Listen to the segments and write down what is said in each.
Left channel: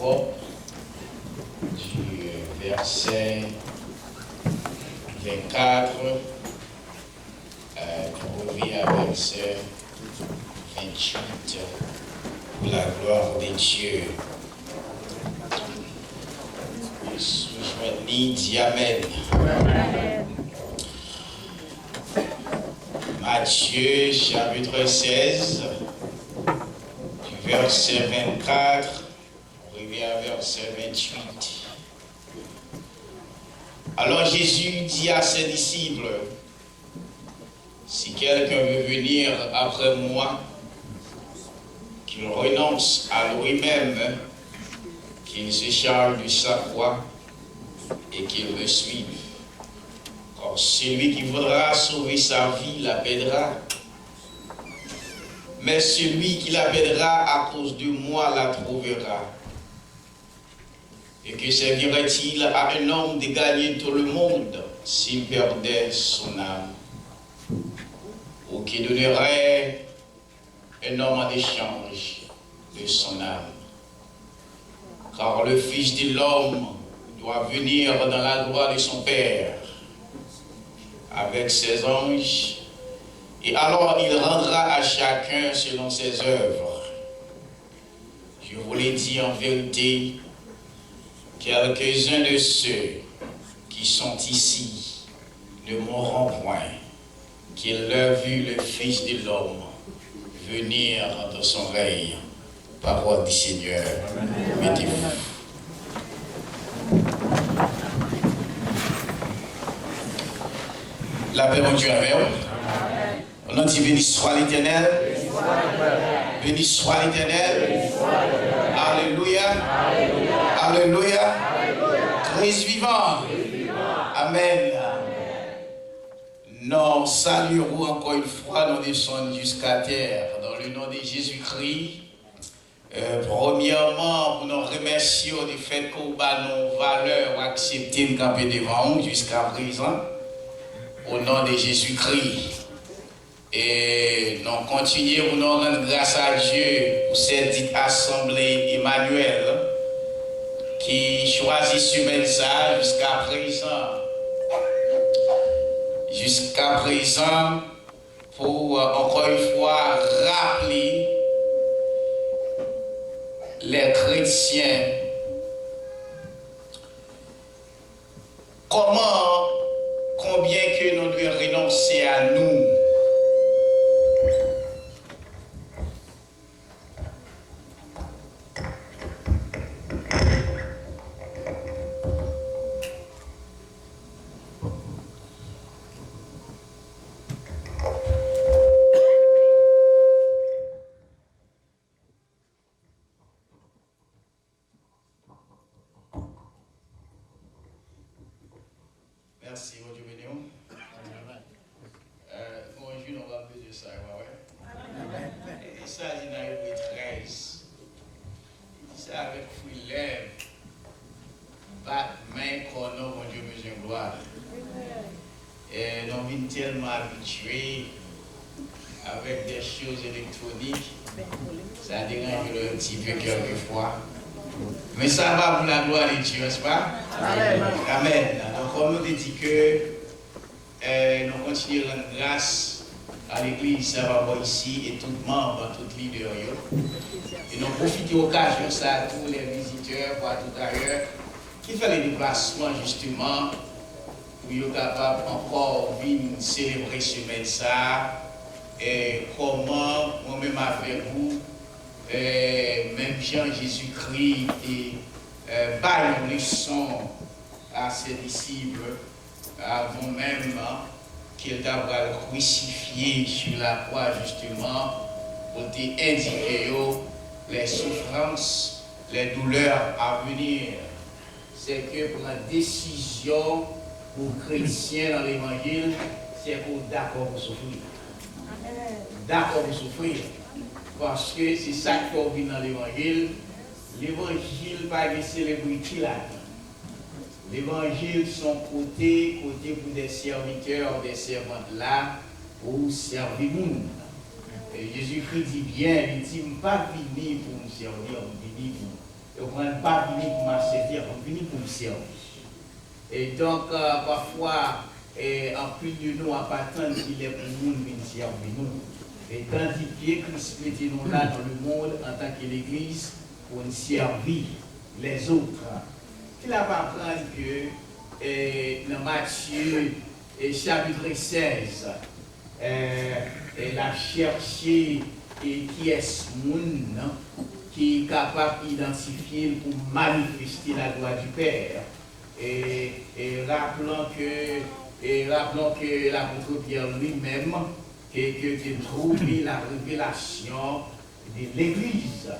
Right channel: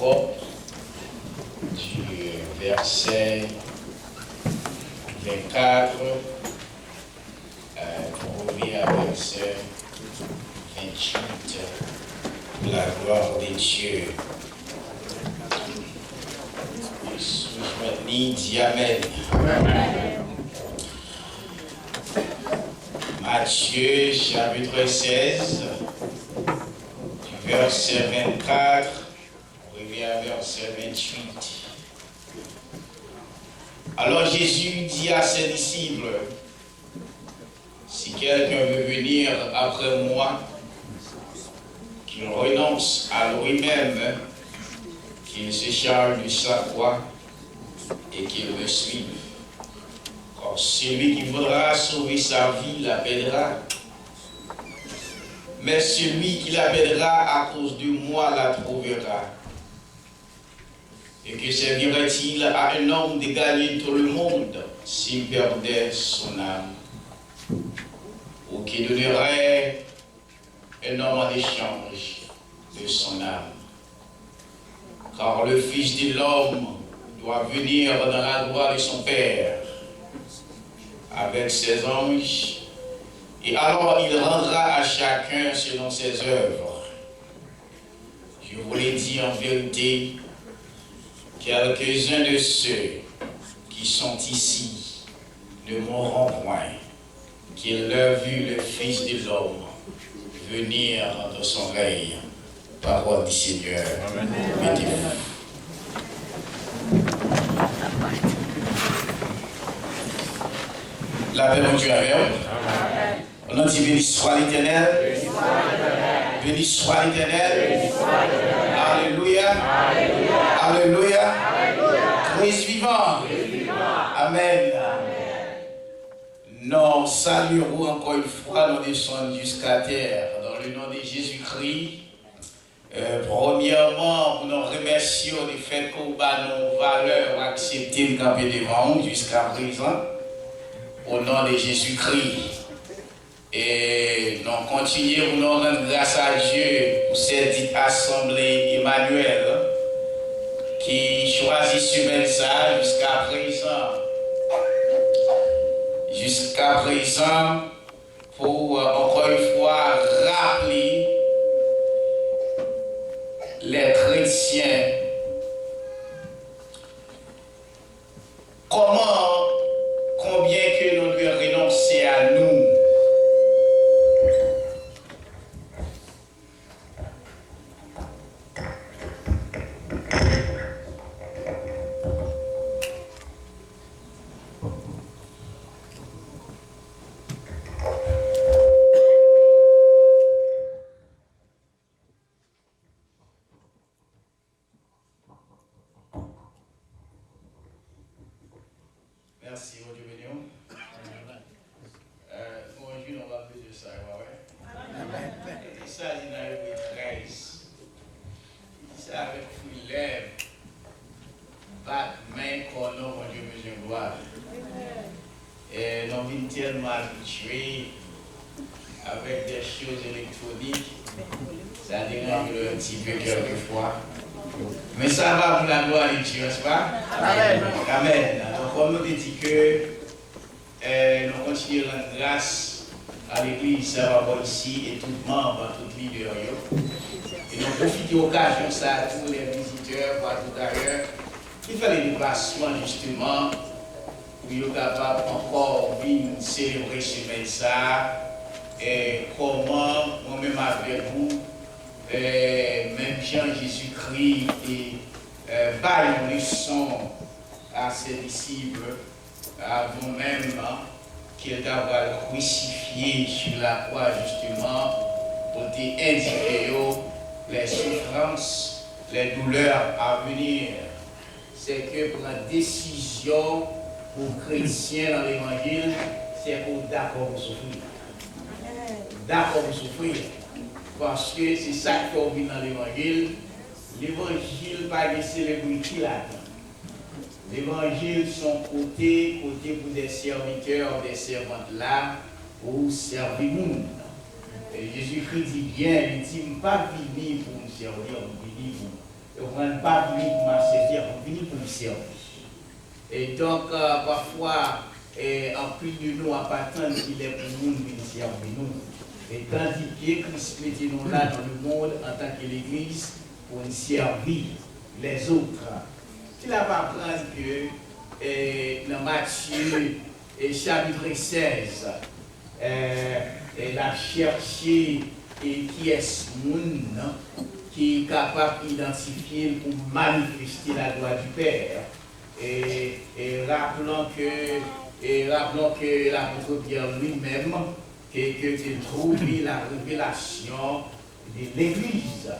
propre du verset 24, on revient à verset 28, pour la gloire de Dieu. Je dis Amen. Matthieu chapitre 16, du verset 24, on revient à verset 28. Alors Jésus dit à ses disciples, si quelqu'un veut venir après moi, qu'il renonce à lui-même, qu'il se charge de sa croix et qu'il me suive. Car celui qui voudra sauver sa vie la perdra. Mais celui qui la perdra à cause de moi la trouvera. Et que servirait-il à un homme de gagner tout le monde s'il perdait son âme? Ou qui donnerait un homme en échange de son âme? Car le Fils de l'homme doit venir dans la gloire de son Père avec ses anges, et alors il rendra à chacun selon ses œuvres. Je vous l'ai dit en vérité, quelques-uns de ceux qui sont ici ne mourront point, qu'ils l'aient vu le Fils de l'homme venir dans son règne. Parole du Seigneur. Mettez-vous. La paix de Dieu avec vous. On a dit béni soit l'Éternel. Béni soit l'Éternel. Alléluia. Alléluia. Christ vivant. Amen. Nous saluons encore une fois, nous descendons jusqu'à terre dans le nom de Jésus-Christ. Premièrement, nous remercions du fait qu'on a nos valeurs acceptées de camper devant nous jusqu'à présent, au nom de Jésus-Christ. Et nous continuons, nous rendre grâce à Dieu pour cette dite assemblée Emmanuel qui choisit ce message jusqu'à présent. Jusqu'à présent, pour encore une fois rappeler les chrétiens combien que nous devons renoncer à nous. Merci, mon Dieu béni. Bonjour, on va plus de ça, ouais. Et ça, il y a eu 13. Ça avec Fulem, bat main, qu'on mon Dieu, besoin de gloire. Et nous sommes tellement habitués avec des choses électroniques, ça dérange un petit peu quelquefois. Mais ça va pour la gloire de Dieu, n'est-ce pas? Amen. Amen. Donc, comme nous dit que nous continuons à rendre grâce à l'Église, ça va voir ici, et tout membre, tout leader. Et nous profitons de l'occasion, ça, à tous les visiteurs, partout ailleurs, qui fait les déplacements justement, pour être capable encore venir célébrer ce message, et comment, moi-même avec vous, même Jean Jésus-Christ et baille une leçon à ses disciples avant même qu'il t'avait crucifié sur la croix justement pour t'indiquer les souffrances, les douleurs à venir. C'est que pour la décision pour chrétiens dans l'évangile, c'est pour d'accord pour souffrir. D'accord pour souffrir. Parce que c'est ça qu'on vit dans l'évangile. L'évangile pas de célébrité là. L'évangile son côté pour des serviteurs, des servantes là, pour servir le monde. Et Jésus-Christ dit bien, il dit pas venir pour nous servir, il dit pour on ne pas venir pour me servir, on vient pour me servir. Et donc, parfois, en plus de nous, à attendre qu'il est pour nous venir servir nous. Et tandis que Christ mettait nous là dans le monde en tant que l'Église pour nous servir les autres. Il a pas apprendre que dans Matthieu chapitre 16, elle a cherché qui est ce monde qui est capable d'identifier pour manifester la gloire du Père. Et rappelons que l'apôtre Pierre lui-même que trouvé la révélation de l'Église.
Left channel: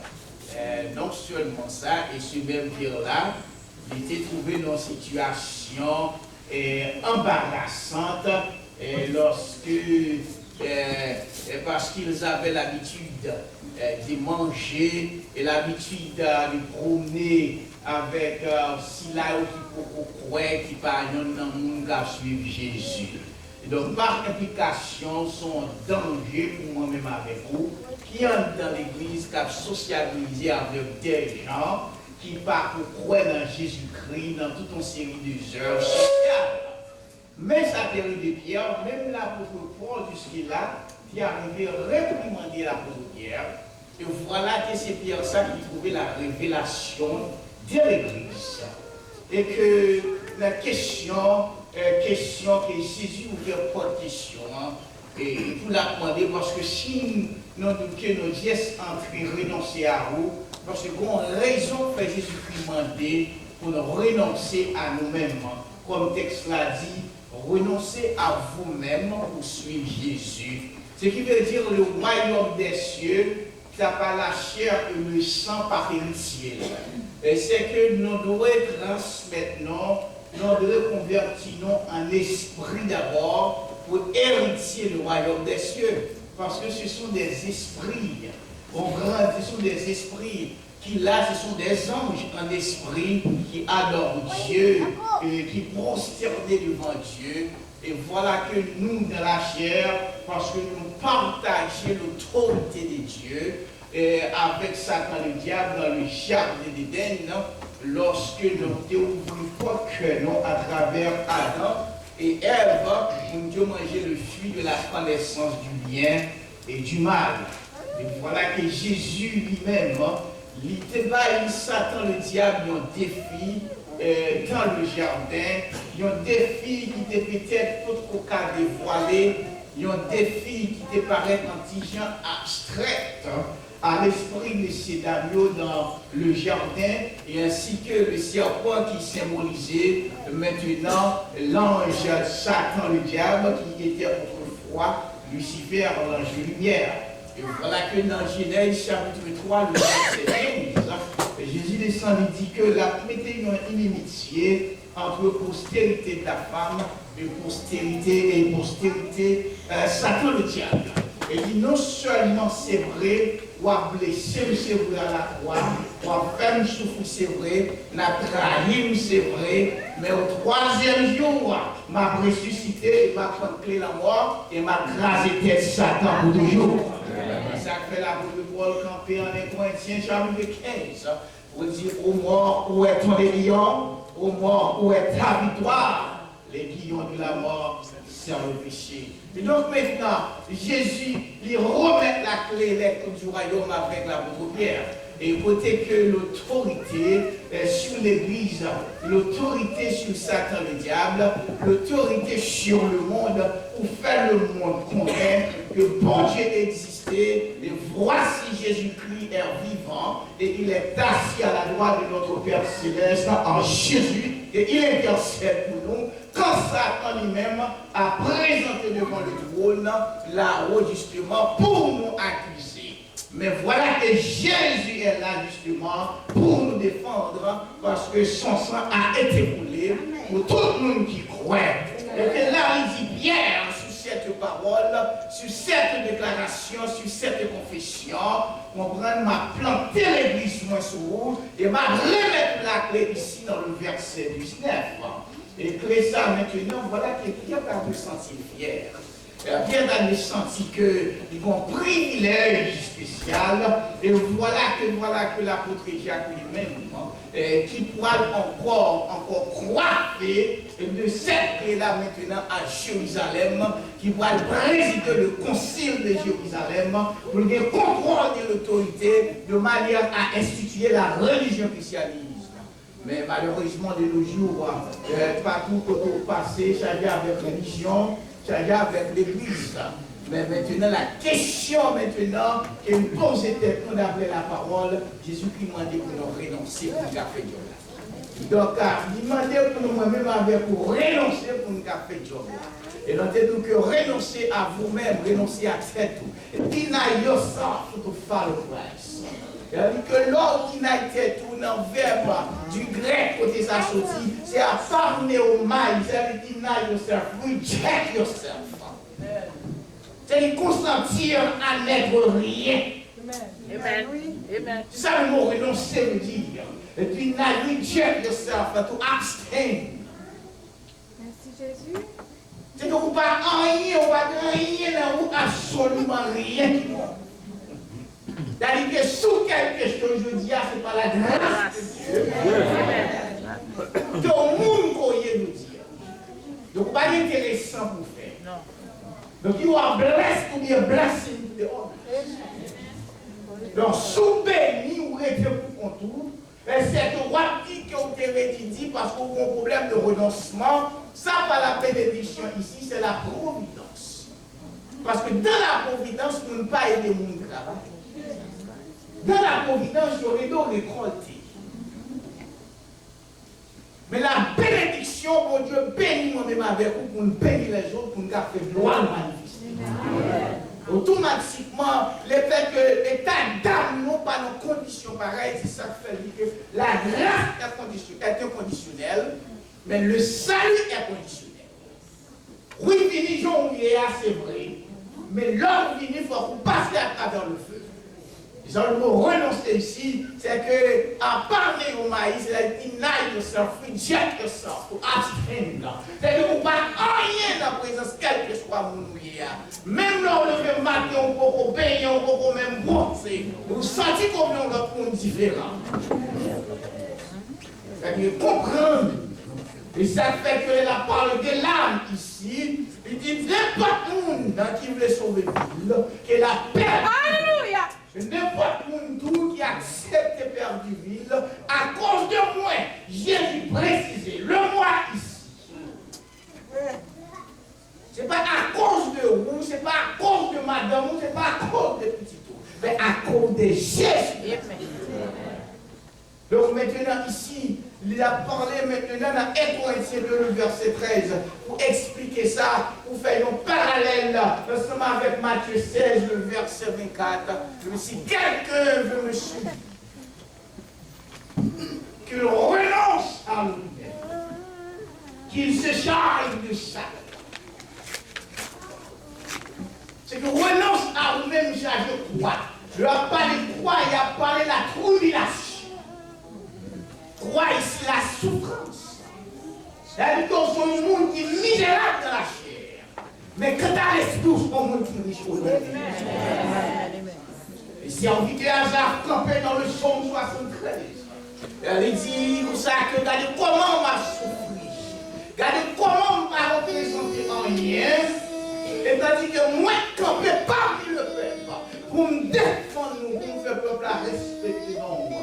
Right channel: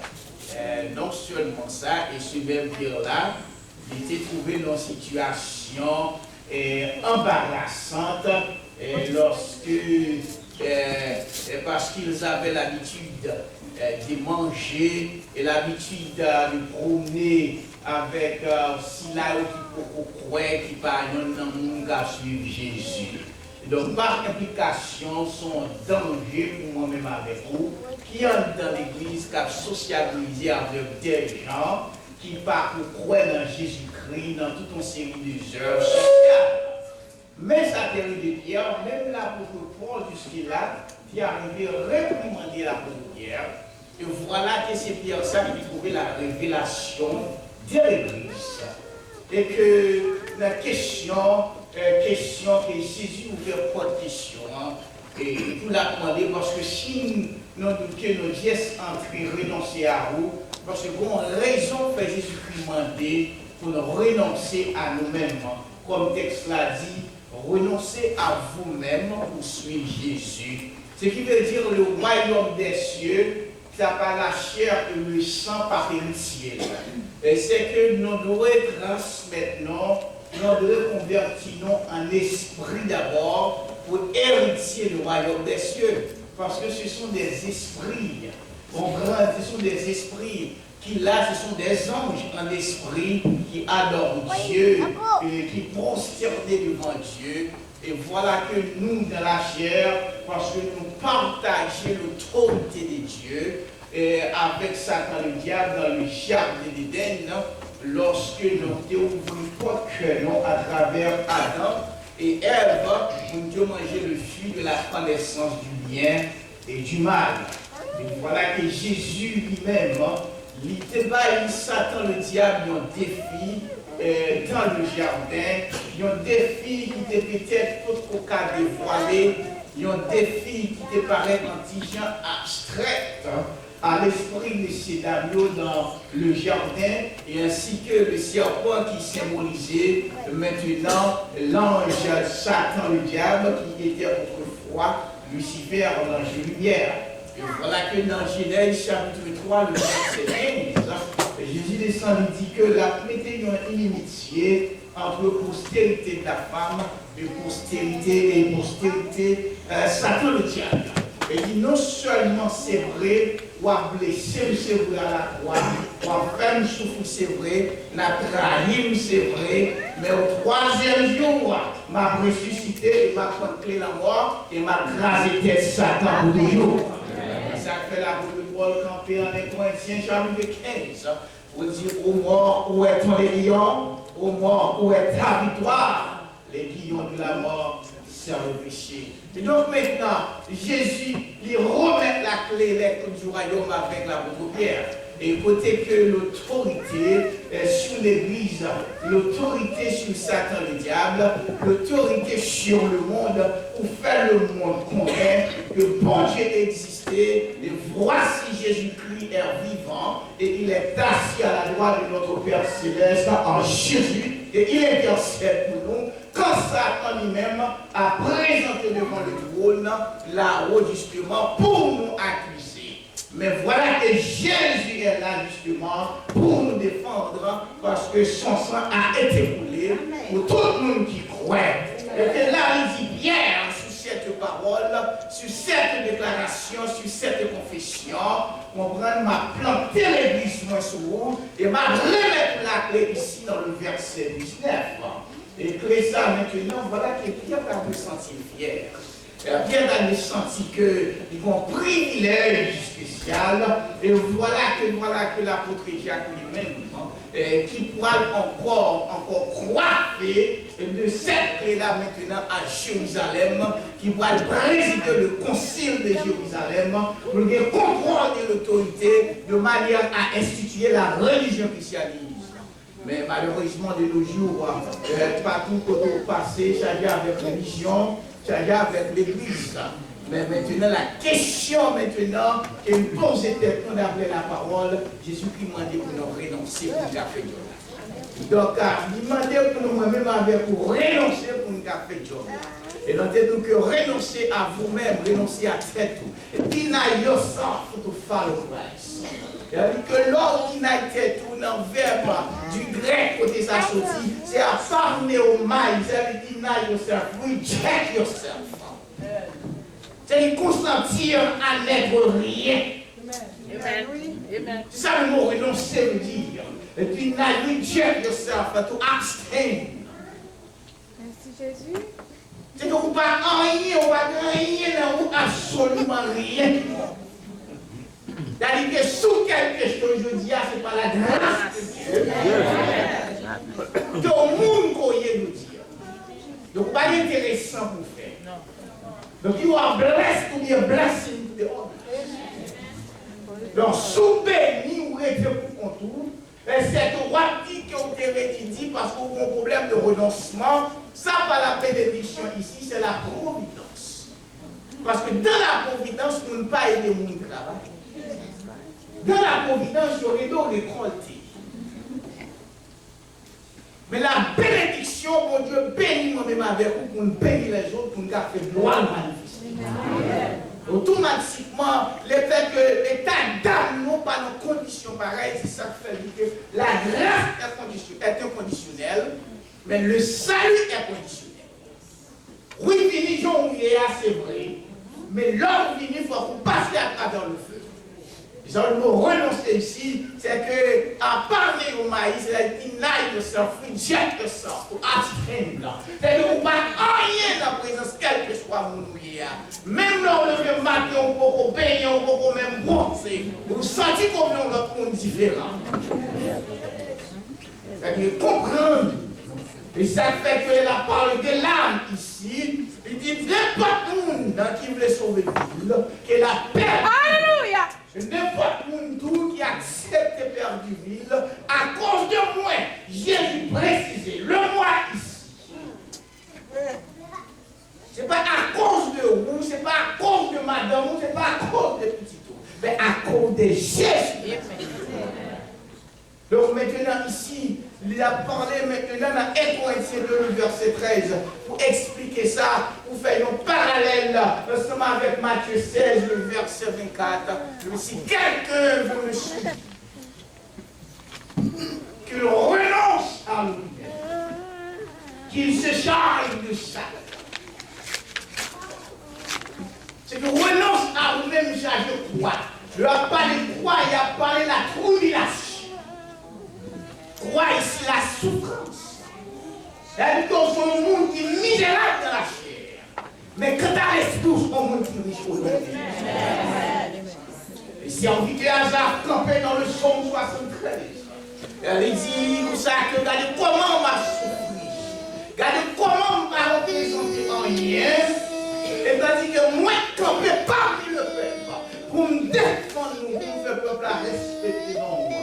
Non seulement ça, et ce même Pierre-là, il était trouvé dans une situation embarrassante parce qu'ils avaient l'habitude de manger et l'habitude de promener avec si là qui croient qui par exemple dans le monde qui suivent Jésus. Et donc par implication sont danger pour moi-même avec vous qui entrent dans l'église qui a socialisé avec des gens qui par croire dans Jésus-Christ dans toute une série d'heures sociales. Mais ça théorie de Pierre, même l'apôtre Paul jusque-là, qui arrivé à réprimander l'apôtre Pierre. Et voilà que c'est Pierre ça qui trouvait la révélation de l'Église. Et que la question que Jésus ouvert pour question, et pour la demander, parce que si nous gestes entrer, renoncer à vous, parce que bon raison fait Jésus-Christ demander pour nous renoncer à nous-mêmes. Comme le texte l'a dit, renoncer à vous-même pour suivre Jésus. Ce qui veut dire le royaume des cieux, ça pas la chair et le sang par héritier. Et c'est que nous devons transmettre, nous devons convertir en esprit d'abord pour hériter le royaume des cieux. Parce que ce sont des esprits, ce sont des esprits qui là, ce sont des anges en esprit qui adorent Dieu, qui prosternent devant Dieu. Et voilà que nous, dans la chair, parce que nous partageons l'autorité de Dieu, avec Satan le diable dans le jardin d'Éden, lorsque nous avons ouvert que nous à travers Adam et Ève, nous avons mangé le fruit de la connaissance du bien et du mal. Et voilà que Jésus lui-même, il débat Satan le diable un défi dans le jardin, un défi qui était peut-être tout au cas dévoilé, un défi qui te paraît antigène abstrait à l'esprit de ces Daniel dans le jardin, et ainsi que le serpent qui symbolisait maintenant l'ange Satan le diable qui était autrefois Lucifer, l'ange de lumière. Et voilà que dans Genèse chapitre 3, le verset 15, Jésus descend et dit que la mettez une inimitié entre postérité de la femme et postérité Satan le diable. Et dit non seulement c'est vrai, ou à blesser, c'est vrai à la croix, ou à faire une souffrir, c'est vrai, n'a trahi, c'est vrai, mais au troisième jour, m'a ressuscité, m'a contré la mort, et m'a crasé tête Satan pour toujours. Ça fait la boule de Paul campé en Corinthiens, chapitre 15, pour dire aux morts, où est ton lion, aux morts, où est ta victoire, les guillons de la mort. Le péché. Et donc maintenant, Jésus lui remet la clé du royaume avec l'apôtre Pierre. Et côté que l'autorité sur l'Église, l'autorité sur Satan le diable, l'autorité sur le monde, pour faire le monde connaître que bon Dieu existait, et voici Jésus-Christ est vivant, et il est assis à la droite de notre Père Céleste en Jésus, et il intercède pour nous. Quand Satan lui-même a présenté devant le trône là-haut justement pour nous accuser. Mais voilà que Jésus est là justement pour nous défendre parce que son sang a été coulé pour tout le monde qui croit. Et que là il dit Pierre sur cette parole, sur cette déclaration, sur cette confession, comprendre m'a planté l'église moi sur vous et m'a remettre la clé ici dans le verset 19. Et que ça maintenant, voilà que Pierre a pu sentir fier. Pierre a senti qu'ils ont un privilège spécial, et voilà que l'apôtre Jacques lui-même, qui pourra encore croire de cette clé-là maintenant à Jérusalem, qui pourra présider le concile de Jérusalem, pour le contrôle de l'autorité, de manière à instituer la religion christianiste. Mais malheureusement, de nos jours, partout où on passe, ça vient avec religion, ça vient avec l'église. Mais maintenant, la question maintenant, et nous posons qu'on appelait la parole, Jésus-Christ m'a dit pour nous renoncer pour nous faire du donc, il m'a dit pour nous-mêmes pour renoncer pour nous faire du et donc, nous que renoncer à vous-même, renoncer à tête, deny yourself to follow Christ. C'est-à-dire que l'ordre qui n'a été tout dans le verbe du grec côté ça sorti, c'est à parler au maïs, c'est-à-dire deny yourself, reject yourself. C'est consentir à n'être rien. Amen. C'est ça le mot renoncer veut dire. Et puis, reject yourself, to abstain. Merci Jésus. C'est que vous ne pas rien, vous ne pas rien, ou absolument rien. C'est-à-dire que sous quelque chose, je dis, ce n'est pas la grâce de Dieu. Que le monde connaît nous dire. Donc, pas intéressant pour faire. Donc, you are blessed to be a blessing to the others. Donc, sous béni ou rêver pour contour, c'est droit que vous avez dit parce qu'on a un problème de renoncement. Ça, pas la bénédiction ici, c'est la providence. Parce que dans la providence, on ne peut pas aider mon travail. Dans la providence, j'aurais dû récolter. Mais la bénédiction, mon Dieu, bénit moi-même avec vous pour nous bénir les autres, pour nous faire gloire manifester. Automatiquement, le fait que l'état d'âme n'ont pas nos conditions pareilles, c'est ça qui fait que la grâce est inconditionnelle, mais le salut est conditionnel. Oui, fini, c'est vrai, mais l'homme fini, il faut passer à travers le feu. Le mot renoncer ici, c'est que à parler au maïs, c'est deny yourself, reject yourself, to abstain. C'est que vous ne pas rien dans la présence, quel que soit mon ouïe. Même lors de le matin, on peut payer, on peut même bosser. Vous sentez comme nous l'autre monde différent. C'est-à-dire comprendre. Et ça fait que la parole de l'âme ici, il dit n'importe qui qui veut sauver le monde, que la paix. Alléluia. N'importe qui accepte de perdre du ville, à cause de moi, Jésus précisé, le moi ici. Ce n'est pas à cause de vous, ce n'est pas à cause de madame, ce n'est pas à cause de petit tout, mais à cause de Jésus. Donc maintenant ici, il a parlé maintenant dans 1 Corinthiens 2, verset 13, pour expliquer ça, pour faire un parallèle ensemble avec Matthieu 16, le verset 24. Si quelqu'un veut me suivre, qu'il renonce à lui-même, qu'il se charge de ça. C'est que renonce à vous-même, charge de quoi? Il n'a pas parlé de quoi, il a parlé de la tribulation. Croix ici la souffrance. C'est-à-dire qu'on est un monde qui est misérable dans la chair. Mais quand à l'esprit, on est un monde qui est riche au monde. Et si on vit que Hazard campé dans le psaume 73, elle dit, vous savez que regardez comment on m'a souffert. Regardez comment on m'a représenté en rien. Et tandis que moi, campé parmi le peuple, pour me défendre, pour me faire peuple à respecter dans moi.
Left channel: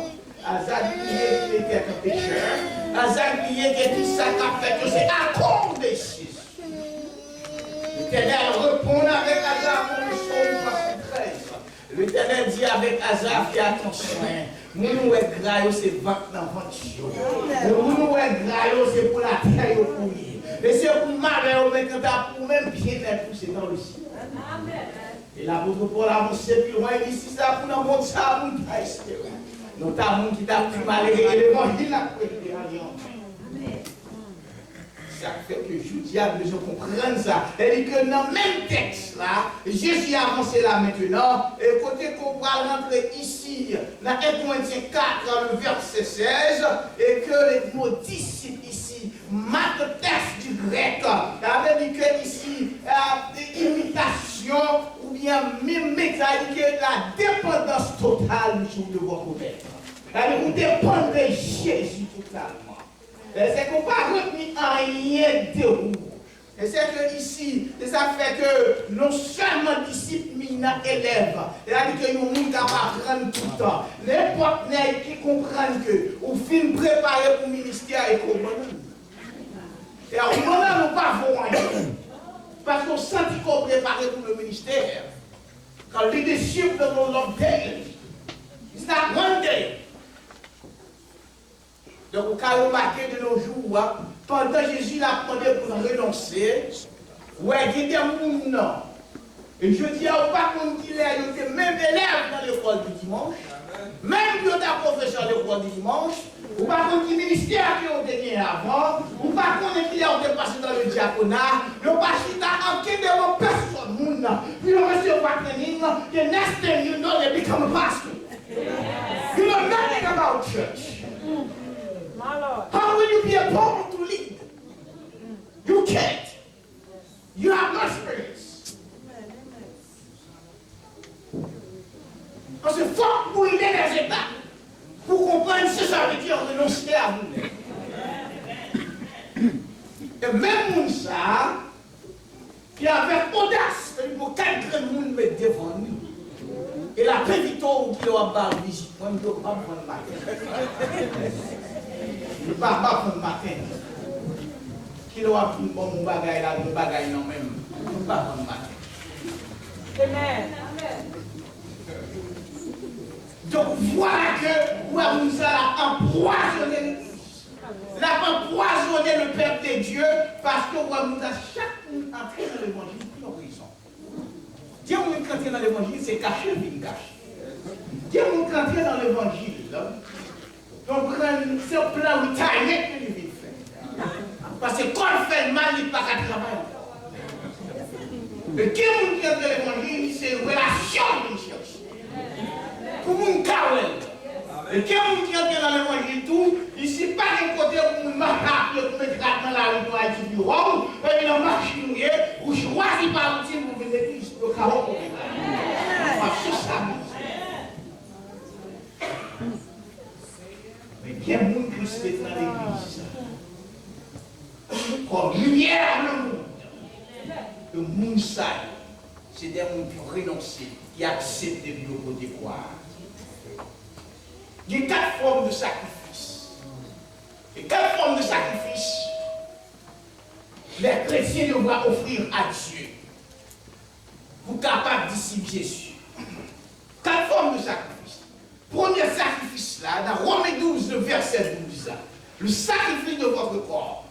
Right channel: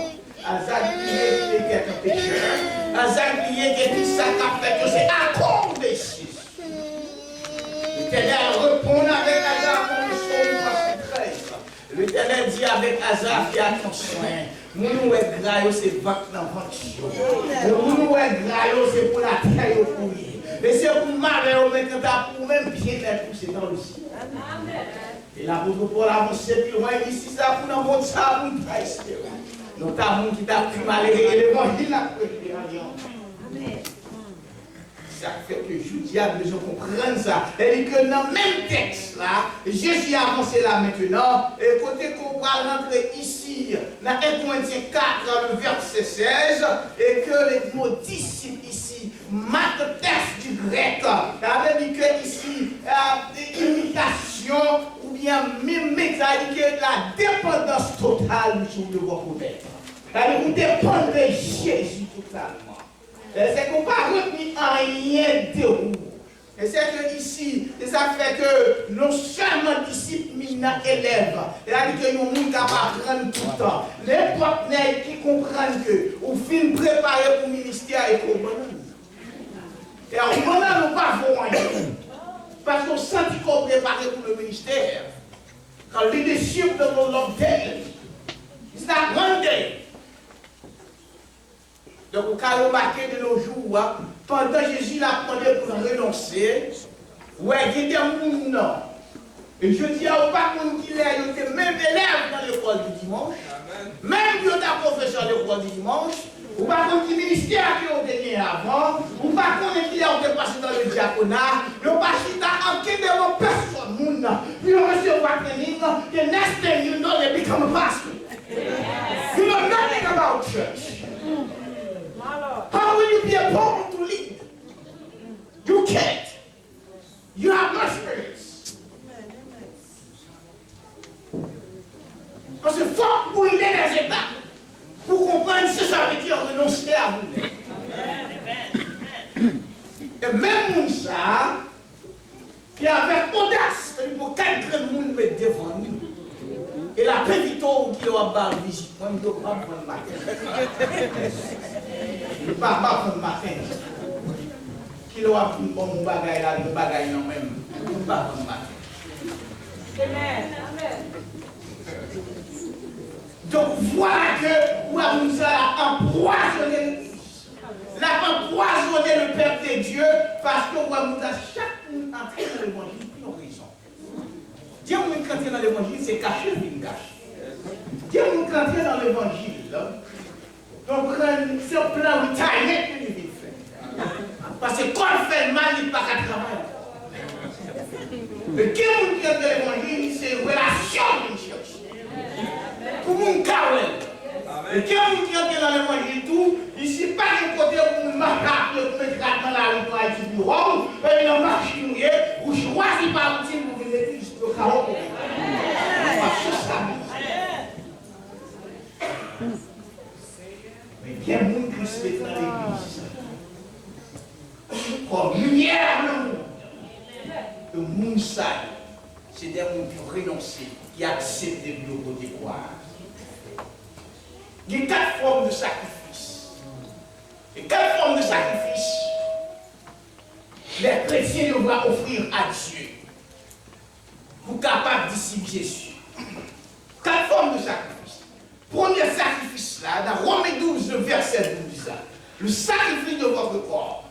Hazard qui était un pécheur, Hazard qui était tout ça qu'a fait que c'est à cause de Jésus. L'Éternel répond avec Hazard dans le psaume 73. L'Éternel dit avec Hazard, fais attention, nous est graillot, c'est vente dans ventre. Nous est graillot, c'est pour la terre pour lui. Et c'est pour malheur, mais quand t'as pour même bien être poussé dans le ciel. Et l'apôtre Paul a avancé plus loin, il dit si ça pour nous montrer ça, pour nous pas espérer. Notamment qui t'a pris malgré l'évangile a prédit en Amen. Ça fait que je dis à besoin de comprendre ça. Et que dans le même texte là, Jésus a avancé là maintenant, et côté qu'on va rentrer ici, dans 1 Corinthiens 4, le verset 16, et que les mots disciples ici, mathèse du grec, ça veut dire que ici, même mécanisme que la dépendance totale sur de votre maître. Vous dépendez de Jésus totalement. C'est qu'on ne peut pas retenir rien de vous. Et c'est que ici, ça fait que non seulement disciples, mais élèves. C'est-à-dire que nous sommes capables d'apprendre tout le temps. N'importe qui comprennent que vous finissez préparer pour le ministère et pour le et alors, maintenant, nous ne pas rien. Parce qu'on sent qu'on est préparé pour le ministère. Quand le leadership de mon long day, it's not one day. Donc, vous pouvez remarquer de nos jours, pendant que Jésus l'a demandé pour renoncer, ouais, il y a des gens. Et je dis à pas qu'il est même élève dans l'école du dimanche, même il y a des professeurs de l'école du dimanche, ou pas contre le ministère qui ont gagné avant, ou pas contre qui ont dépassé dans le diaconat, ou pas si t'as enquêté devant personne, puis on recevoir training, the next thing you know, they become a pastor. You know nothing about church. How will you be a pope to lead? You can't. You have no experience. Parce que faut que vous ayez les étapes pour comprendre ce que ça veut dire renoncer à vous-même. Et même ça, qui avec audace, il faut quelqu'un de monde mettre devant nous. Et la petite eau qui va avoir visite, moi je ne dois pas prendre ma tête. Je ne peux pas prendre ma tête. Qui doit prendre mon bagage là, mon bagage non même. Je ne peux pas prendre ma tête. Amen. Donc voilà que nous allons empoisonner l'Église. L'a empoisonné le peuple de Dieu parce que nous avons chacun entré dans l'évangile pour une raison. Dieu nous entrer dans l'évangile, c'est caché, il cache. Dieu nous entrer dans l'évangile. Donc c'est un plan de taille que nous vivons faire. Parce que quand on fait le mal, il n'y a pas qu'à travailler. Mais qui nous entrer dans l'évangile, c'est une relation que nous cherchons. Pour mon carré. Et quand vous entrez dans l'évangile tout, ici pas de côté pour nous marquer, pour mettre dans la rue pour aller au bureau, et dans la machine, vous choisissez par routine pour venir l'église, le carreau. Mais bien monde qui se met dans l'église, comme lumière le monde. Le monde sale, c'est des gens qui renoncent, qui acceptent de bureaux de croire. Il y a 4 formes de sacrifice. Et 4 formes de sacrifice, les chrétiens doivent offrir à Dieu pour capable discipler Jésus. 4 formes de sacrifice. Premier sacrifice là, dans Romains 12, le verset 12, le sacrifice de votre corps.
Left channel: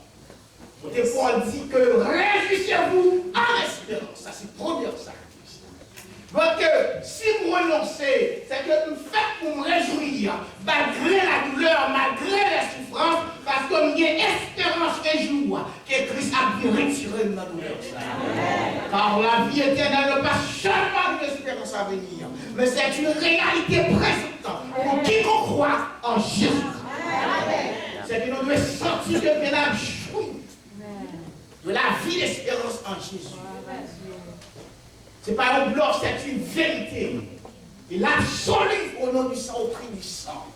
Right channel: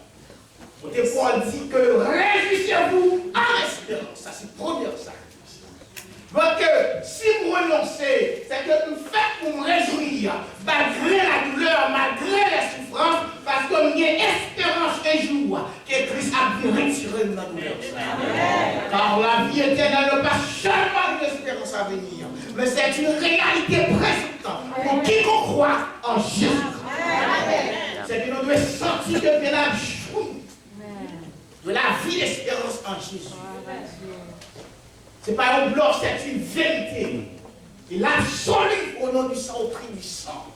Et Paul dit que réjouissez-vous en espérance. Ça, c'est le premier sacrifice. Donc, si vous renoncez, c'est que vous faites pour me réjouir, malgré la douleur, malgré les souffrances, parce qu'il y a espérance un jour que Christ a pu retirer de la douleur. Car la vie éternelle n'est pas seulement une espérance à venir, mais c'est une réalité présente pour quiconque croit en Jésus. C'est que nous devons sortir de la joie, de la vie d'espérance en Jésus. Ce n'est pas un bloc, c'est une vérité. Il absolue au nom du sang, au prix du sang.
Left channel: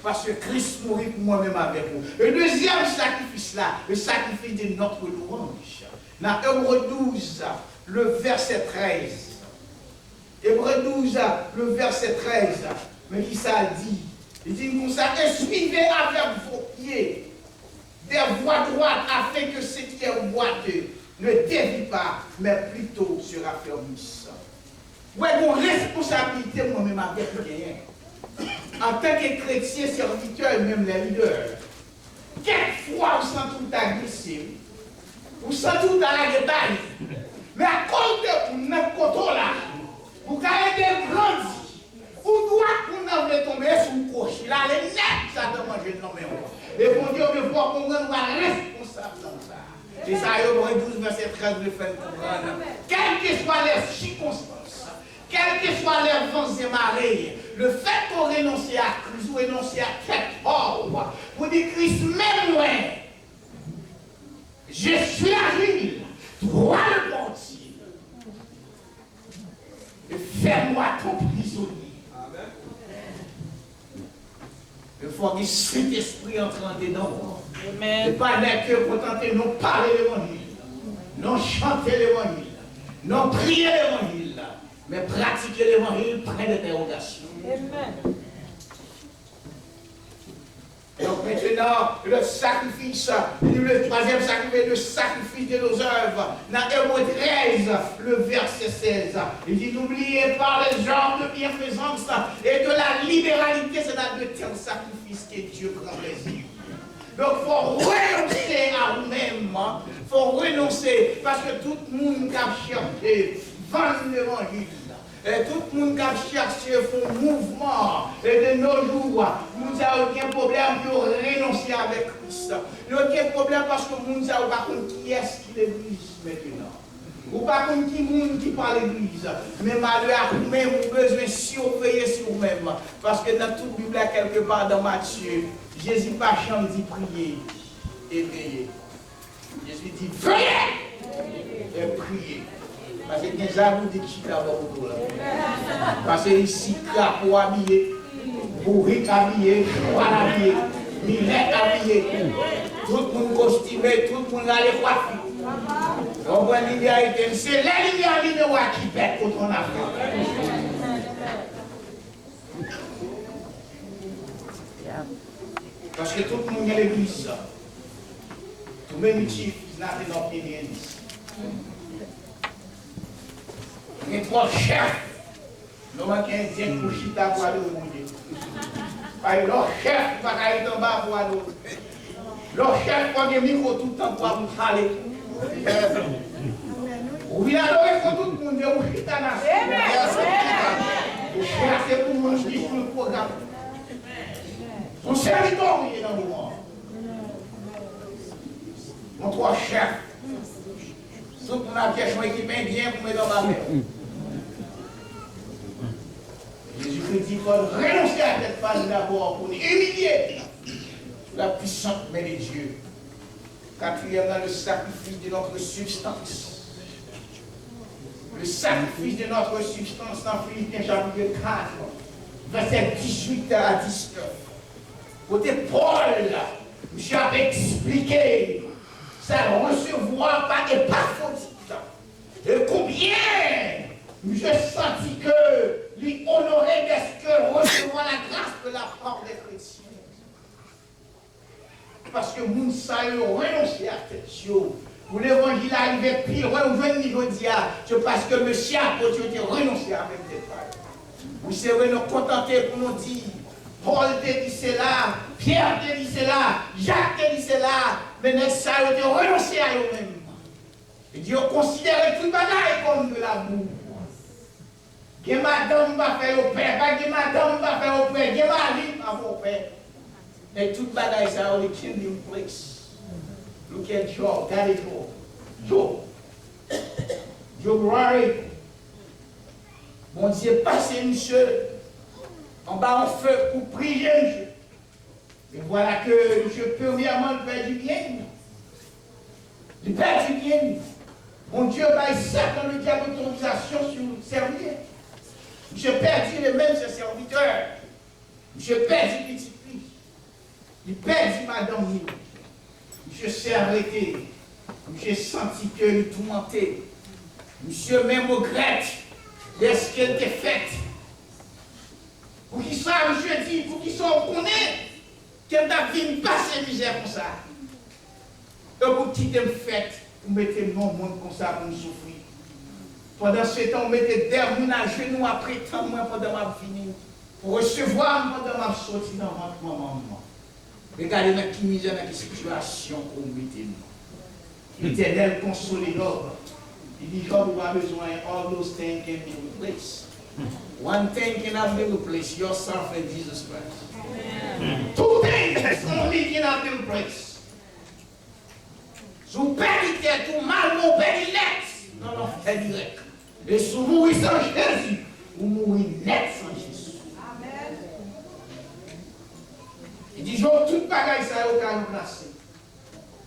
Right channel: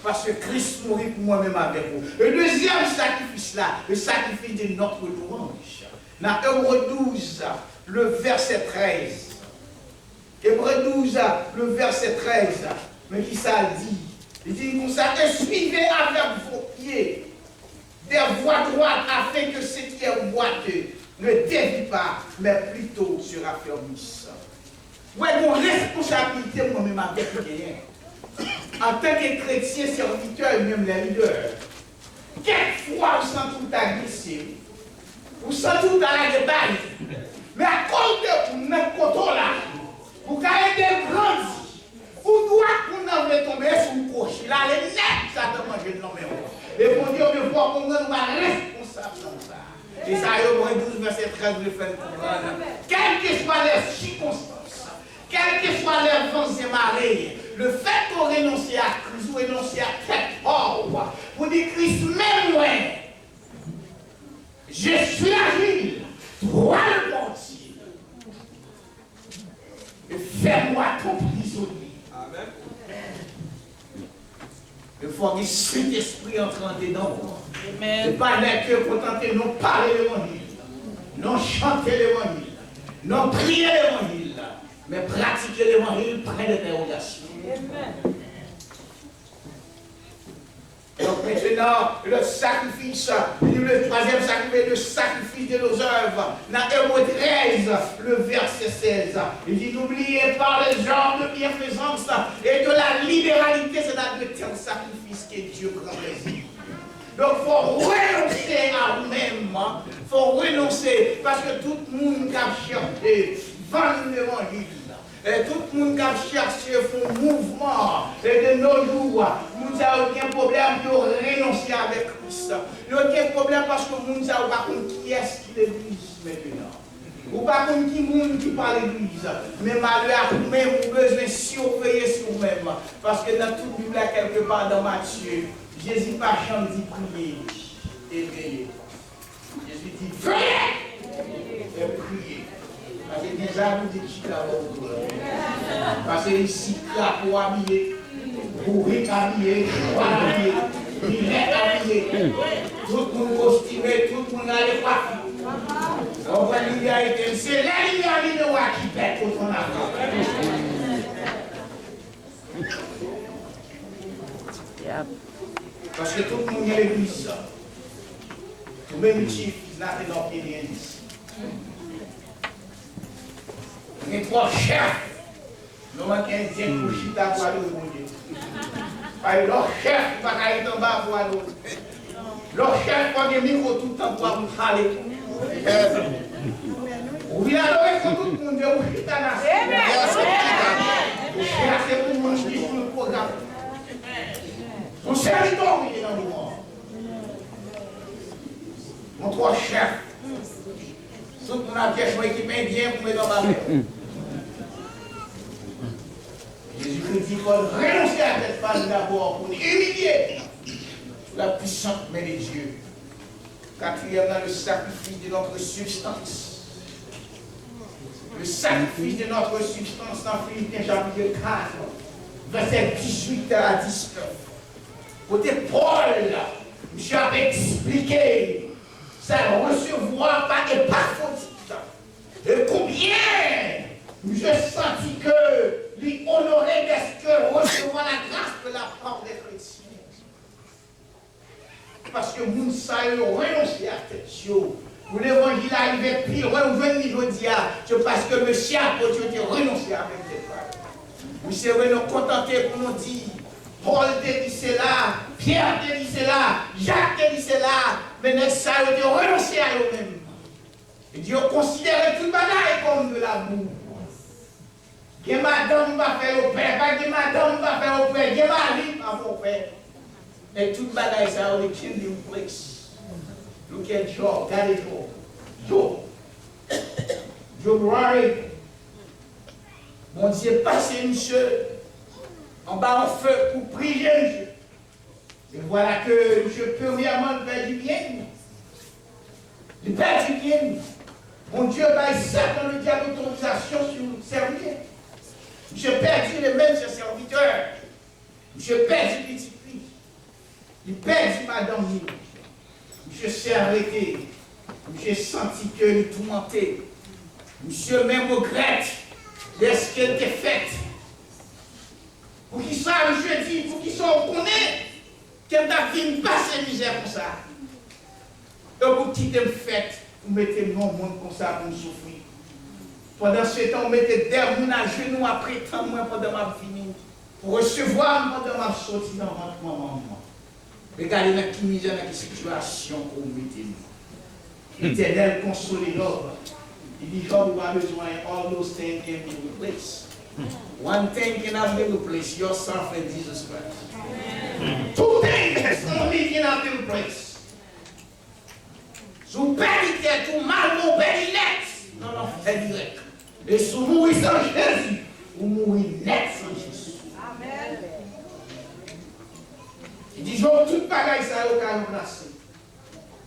Parce que Christ mourit pour moi-même avec vous. Le deuxième sacrifice là, le sacrifice de notre louange. Dans Hébreux 12, le verset 13. Hébreux 12, le verset 13. Mais qui ça dit? Il dit comme ça, et suivez avec vos pieds des voies droites afin que ce qui est boiteux ne dévie pas, mais plutôt se raffermisse. Ouais, mon responsabilité moi-même avec rien. En tant que chrétien, serviteur et même les leaders. Quelquefois, vous sentez tout agressif. Vous sentez tout dans la détail. Mais à cause de vous, même côté là, vous avez été grandi. Vous doit qu'on en tomber sur le crochet. Là, les nets, ça te mange le nom. Et pour dire, on va qu'on soit responsable dans ça. Et ça, Hébreux 12, verset 13, le fait comprendre. Quelles que soient les circonstances, quelles que soient les vents et marées, le fait qu'on renonce à Christ ou renonce à quelque part, pour dire Christ, même moi, je suis agile, droit le portier. Il faut que le Saint-Esprit entre dedans. Amen. Et pas que pour tenter nous parler l'évangile, non chanter l'évangile, non prier l'évangile, mais pratiquer l'évangile, près d'interrogation. Amen. Donc maintenant, le sacrifice, le troisième sacrifice, le sacrifice de nos œuvres. Dans Hébreux 13, le verset 16, il dit n'oubliez pas les genres de bienfaisance et de la libéralité, c'est là de tel sacrifice que Dieu prend plaisir. Donc il faut renoncer à nous-mêmes, il faut renoncer, parce que tout le monde a cherché vendre l'évangile. Et tout le monde qui a cherché un mouvement et de nos jours, nous n'avons aucun problème de renoncer avec Christ. Il n'y a aucun problème parce que nous n'avons pas compris qui est-ce qui l'église maintenant. Ou pas compris qui monde qui parle l'église. Mais malheur à vous-même, vous avez besoin de surveiller sur vous-même. Parce que dans toute Bible, quelque part dans Matthieu, Jésus pas chambre dit prier et veiller. Jésus dit veillez et prier. Parce que des arbres de qui autour. Parce que ici, pour habiller, pour habiller, pour habiller, il est habillé. Tout le monde costumé, tout le monde a les coiffures. On voit l'idéalité. C'est la l'idéalité qui pète contre on a parce que tout le monde a l'église. Tout le même chiffre, il n'a pas d'opinion. Les trois chefs, nous manquons un bien pour chita pour aller au monde. Parce que leur chef va aller en bas pour aller. Leur chef prend des micros tout le temps pour vous parler. Vous venez adorer pour tout le monde, vous chita dans vous cherchez pour manger sur le programme. Vous servitez dans le monde. Mon trois chefs. Tout le monde a pièce équipé bien pour mettre dans ma main. Jésus-Christ dit qu'il faut renoncer à cette phase d'abord pour nous humilier sous la puissante main de Dieu. Quatrièmement, le sacrifice de notre substance. Le sacrifice de notre substance dans Philippiens chapitre 4, verset 18 à 19. Côté Paul, je avait expliqué ça recevoir pas et pas faute. Et combien je sentis que lui honorer d'être que recevoir la grâce de la part des chrétiens. Parce que nous savons renoncer à tête. Pour l'évangile arrivé pire, on veut niveau dia, c'est parce que monsieur a renoncé avec des frères. Nous serons nous contenter pour nous dire, Paul te dit cela, Pierre te dit cela, Jacques te dit cela, mais nous savons renoncer à eux-mêmes. Et Dieu considère tout le bagaille comme de la boue. Que madame va faire au père, pas que madame va faire au père, que mari va faire au père. Et tout le bagaille, ça, on est kingdom place. Look at Job, regardez Job. Job worry. Mon Dieu, passez, monsieur, en bas en feu pour prier, monsieur. Et voilà que monsieur, premièrement, faire du bien. Il fait du bien. Mon Dieu, Satan le diable d'autorisation sur le servir. Monsieur perdu les mêmes serviteurs. Monsieur perdu petit fils. Il perdu madame. Monsieur s'est arrêté. Monsieur senti que il tourmentait. Monsieur même regrette de ce qu'elle était faite. Pour qui ça, monsieur dit, pour qui ça, on connaît qu'elle n'a vu passer misère comme ça. Et pour qui t'aime faite, vous mettez le monde comme ça pour nous souffrir. Pendant ce temps, on mettait des gens à genoux après tant moins pendant ma vie. Pour recevoir pendant ma sortie dans votre maman. Regardez dans quelle misère, dans quelle situation qu'on mettait nous. L'Éternel consolé Job. Il dit Job n'a pas besoin, all those things can be replaced. One thing cannot be replaced, yourself and Jesus Christ. Two things only cannot be replaced. Sous périté, tout mal, mon périnette, non, non, c'est direct. Et sous mourir sans Jésus, ou mourir net sans Jésus. Amen. Il dit, genre, toute bagaille, ça a aucun remplacé.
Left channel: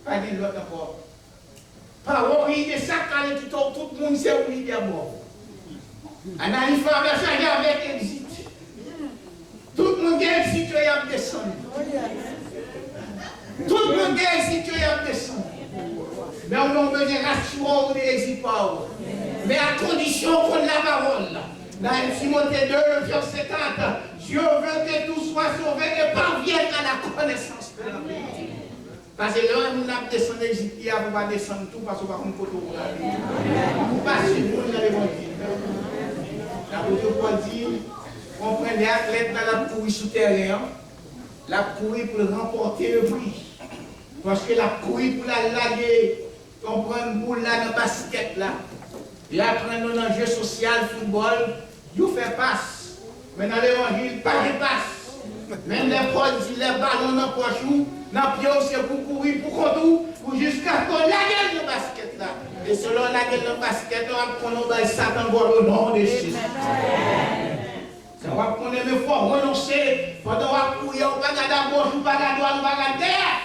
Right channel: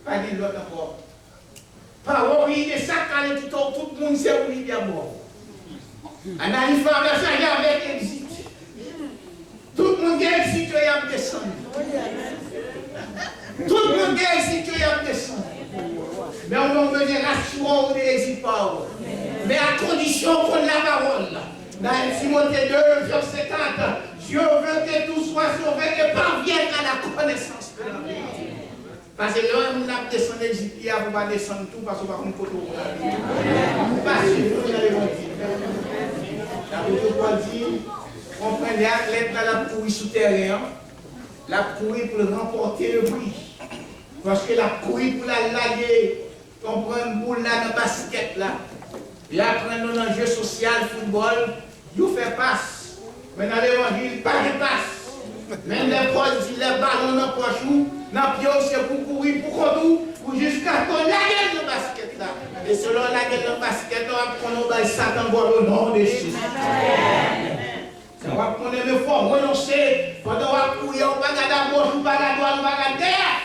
Pas de l'autre encore. Pas oublier de ça, quand tout le monde s'est oublié d'abord. En arrivant à la avec exit. Tout le monde qui a exit, il a descendu. miséricorde. Mais à condition qu'on ait la parole. Dans Timothée 2, verset 4, Dieu veut que tout soit sauvé et parvienne à la connaissance de la vérité. Parce que là, nous avons descendu d'Égypte, vous ne pas descendre tout parce que vous ne pouvez pas vous passez dans l'évangile. L'apôtre Paul dit, on prend les athlètes dans la courir souterraine, la courir pour remporter le prix. Parce que la courir pour la laguer, on prend une boule là dans le basket là. Et après, dans un jeu social, football, vous faites passe. Mais dans l'évangile, pas de passe. Même les Paul dit les ballons dans la poche, dans le pied, c'est pour courir, pour contour, pour jusqu'à qu'on la gueule dans le basket là. Et selon la gueule dans le basket, on va prendre un Satan pour le nom de Jésus. Ça va prendre, mais il faut renoncer. Pendant qu'on va courir, on va garder à gauche, on va garder à droite, on va garder derrière.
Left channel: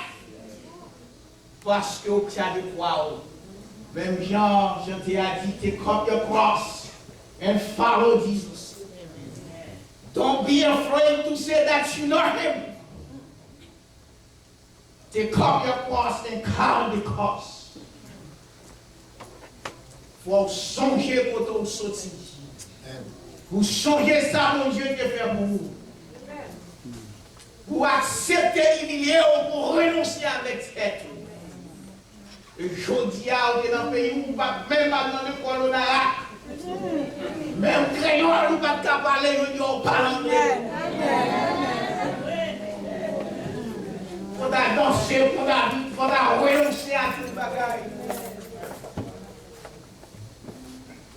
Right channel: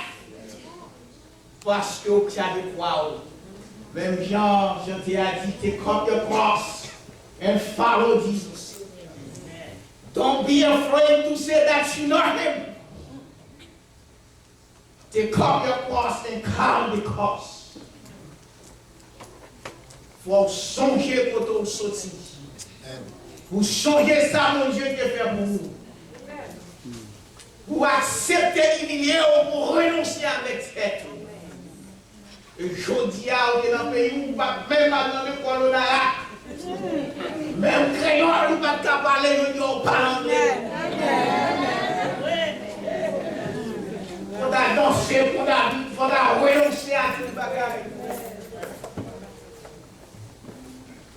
Parce que vous avez quoi? Même Jean t'ai dit, take up your cross and follow Jesus. Don't be afraid to say that you know him. Take up your cross and count the cost. Faut songer pour tout sortir. Vous changez ça, mon Dieu, qui fait pour vous. Vous acceptez humilier ou pour renoncer avec tête. Et je dis à vous dans le pays où vous ne pouvez même pas dans le colonat. Même créole, vous ne pouvez pas parler, vous ne parlez anglais. Il faut danser, il faut renoncer à tout le bagage.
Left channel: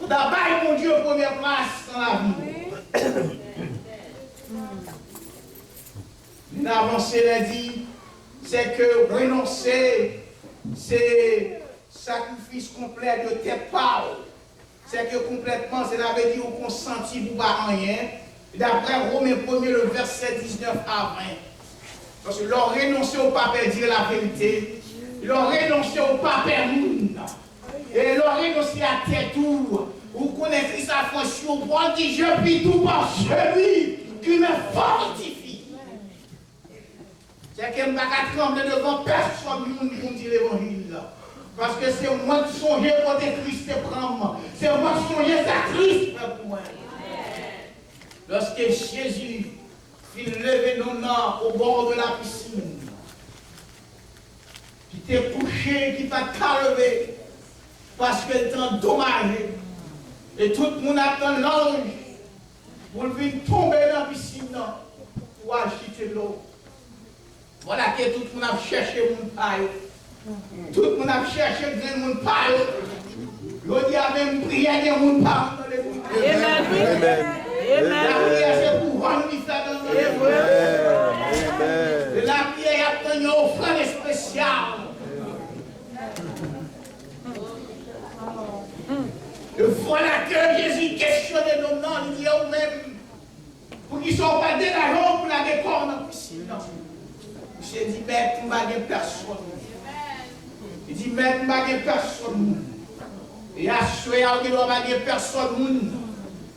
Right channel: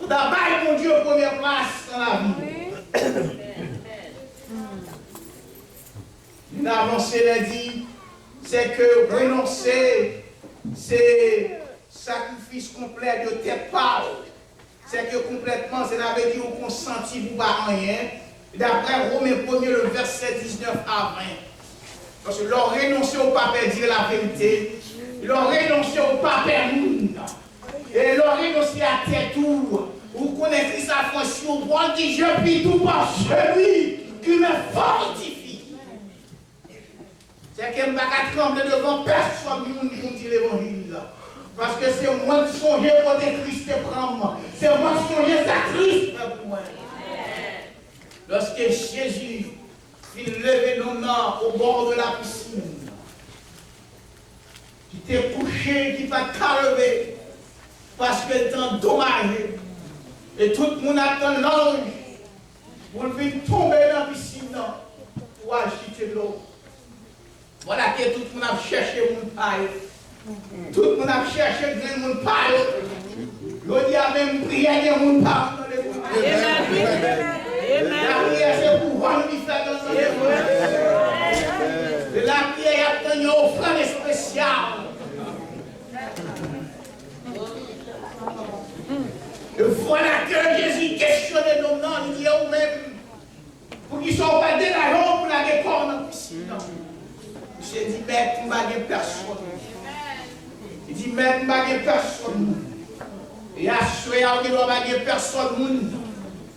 Il faut battre mon Dieu première place dans la vie. Une avancée l'a dit, c'est que renoncer, c'est sacrifice complet de tes paroles. C'est que complètement, c'est la veut dire qu'on sentit pour pas rien. D'après Romains 1er, le verset 19 à 20. Parce que leur renoncer au pape dire la vérité, leur renoncer au pape monde, et leur renoncer à tes tours. Vous connaissez sa fonction, pour dire je puis tout par celui qui me fortifie. C'est que je ne vais pas trembler devant personne pour dire l'évangile. Parce que c'est moi qui songe pour des Christ prendre. C'est moi qui songe ça Christ pour moi. Lorsque Jésus fit lever nos mains au bord de la piscine, qui t'est couché, qui va t'enlever, parce qu'elle est endommagée. Et tout le monde attend l'ange pour venir tomber dans la piscine pour agiter l'eau. Voilà que tout le monde a cherché mon paille. Tout le monde a cherché mon paille. Je dis à même prière de mon paille dans les coups. La prière c'est pour voir nous faire dans les coups. La prière a obtenu une offrande spéciale. Et voilà que Jésus questionnait nos noms, il dit à vous-même, pour qu'ils ne soient pas dégageants pour la décor dans la piscine. J'ai dit, maître, je ne vais pas personne. Il dit, maître, je ne vais pas personne. Et à ce moment-là, il ne doit pas personne.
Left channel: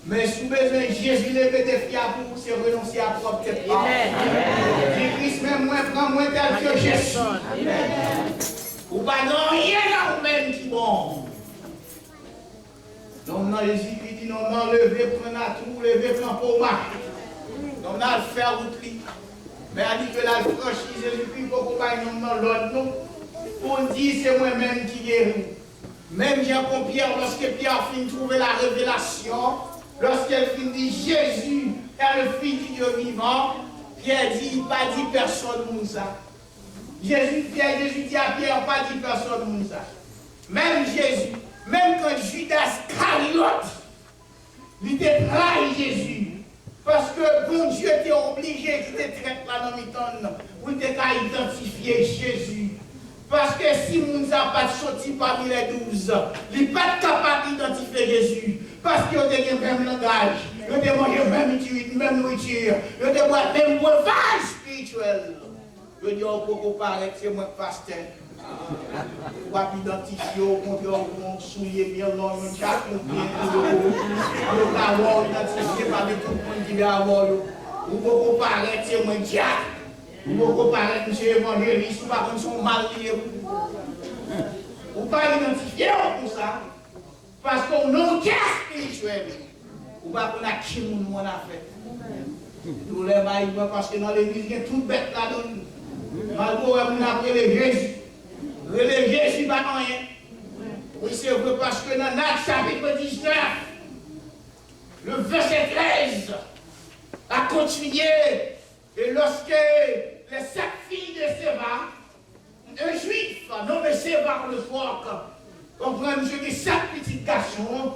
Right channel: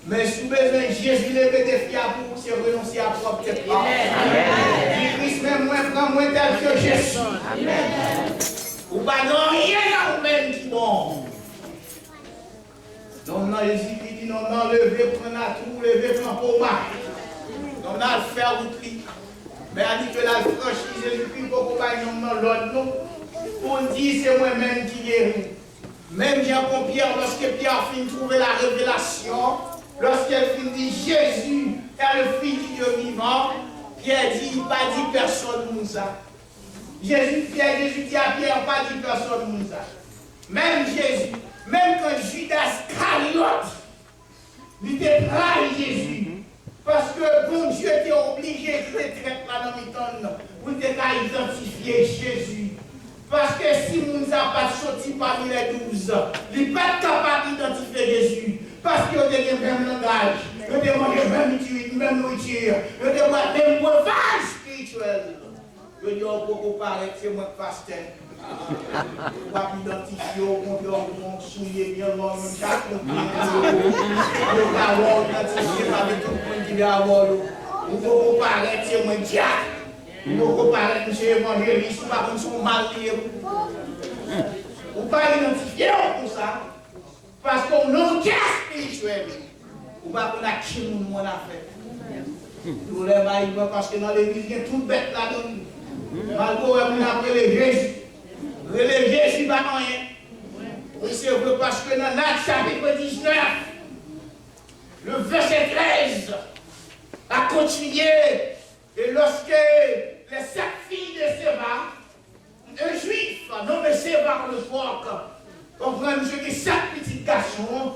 Mais si vous avez besoin de Jésus, lever des filles à vous, c'est renoncer à propre tête. Il Christ, même moi, prends moins tel que Jésus. Ou pas non, rien à vous-même qui bon. Donc, non, Jésus dit, non, non, levez, prenez à tout, levez, prenez pour marcher. Donc, on a le faire outri. Mais elle dit que la franchise, Jésus-Christ, pour qu'on aille dans l'autre, non. Pour dire, c'est moi-même qui guéris. Même Jean-Pierre, lorsque Pierre finit de trouver la révélation, lorsqu'elle finit de dire Jésus est le Fils du Dieu vivant, Pierre dit, pas dit personne Moussa. Jésus dit à Pierre, pas dit personne Moussa. Même Jésus, même quand Judas Iscariote, il était trahi Jésus. Parce que bon Dieu était obligé de traiter là dans le pour identifier Jésus. Parce que si nous n'avons pas sorti parmi les 12, il n'est pas capable d'identifier Jésus. Parce qu'il a le même langage, il a mangé même nourriture, il a le même breuvage spirituel. Je dis, on peut paraître, c'est moi le pasteur. On va identifier, on souiller bien, on chaque monde bien, on va avoir identifié par tout le monde qui va avoir. On peut paraître, c'est moi le diable. On peut paraître, monsieur évangéliste, ou pas comme son mal lié. On va identifier pour ça. Parce qu'on n'a aucun spirituel. Ou pas qu'on a qui nous a fait. Nous les maïs, parce que dans l'église, il y a tout bête là-dedans. Malgré on a relé Jésus. Relé Jésus, pas rien. Oui, c'est vrai, parce que dans Actes chapitre 19, le verset 13, a continué. Et lorsque les 7 filles de Séva, un juif nommé Séva le soir, on prend monsieur qui 7 petits garçons,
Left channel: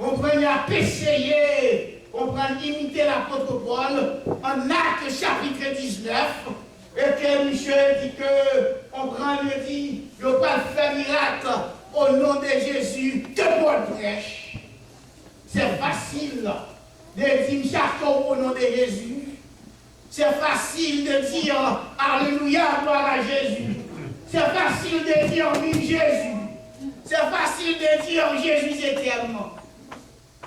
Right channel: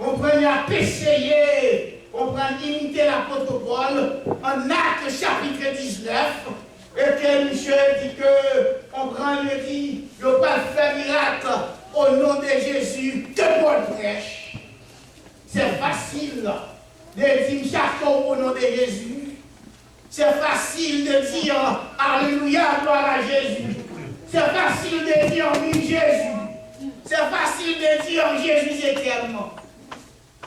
on prend à essayer, on prend imiter l'apôtre Paul en Actes chapitre 19, et que monsieur dit que on prend le dit, il ne pas faire miracle au nom de Jésus, que Paul prêche. C'est facile de dire chaton au nom de Jésus. C'est facile de dire Alléluia, gloire à Jésus. C'est facile de dire oui Jésus. C'est facile de dire Jésus éternellement.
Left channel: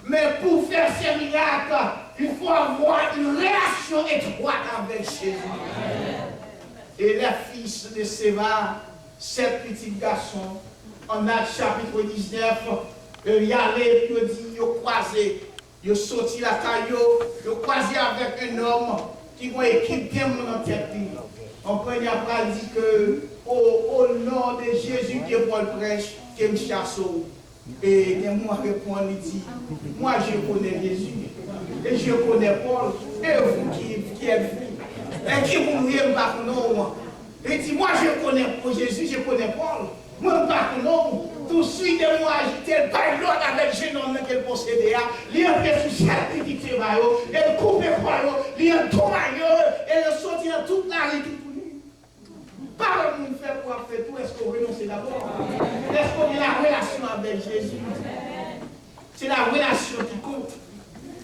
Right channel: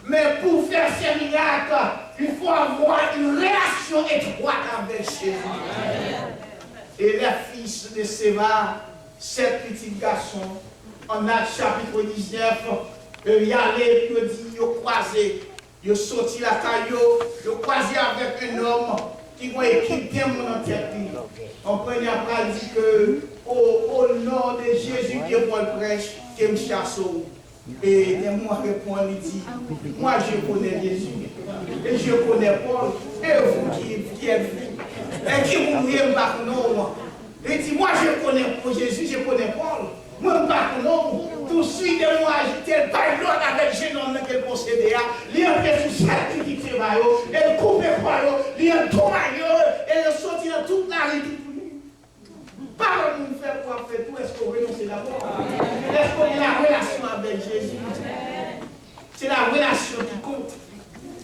Mais pour faire ces miracles, il faut avoir une relation étroite avec Jésus. Et les fils de Séva, 7 petits garçons, en Actes chapitre 19, il y allait, il dit, il croisé, il sorti la caillou, il croisé avec un homme qui va équiper mon tête. On peut y avoir dit que au nom de Jésus que Paul prêche, que me chasse. Et moi répond, il dit, moi je connais Jésus, et je connais Paul, et vous qui êtes vous, et qui vous n'aimez pas non. Il dit, moi je connais Jésus, je connais Paul, moi je ne pas non. Tout de suite, moi j'étais pas l'autre avec le jeune homme qu'elle possédait, il a fait sous cette petite travail, elle coupe le croix, il a tout maillot, elle sortit dans toute la rue. Par nous faire quoi faire tout, est-ce qu'on renonce d'abord? Est-ce qu'on a la relation avec Jésus? C'est la relation qui compte.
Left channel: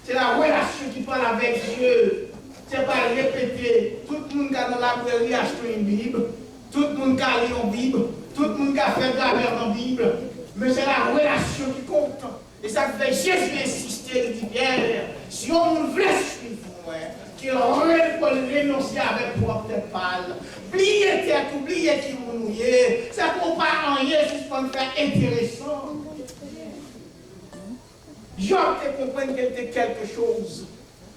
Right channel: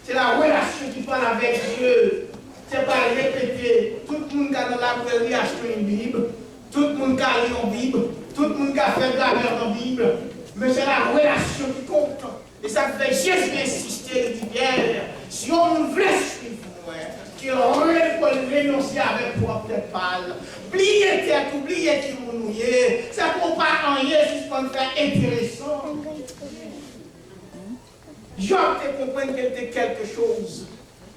C'est la relation qui parle avec Dieu. C'est pas répéter. Tout le monde qui a dans la librairie acheté une Bible. Tout le monde qui a lu une Bible. Tout le monde qui a fait de la merde en Bible. Mais c'est la relation qui compte. Et ça fait Jésus insister, il dit bien, si on veut suivre, qu'il aurait pour renoncer avec propre pâle. Oubliez tête, oubliez qui vous nouillez. Ça ne compte pas en juste pour me faire intéressant. Job te comprendre qu'il était quelque chose.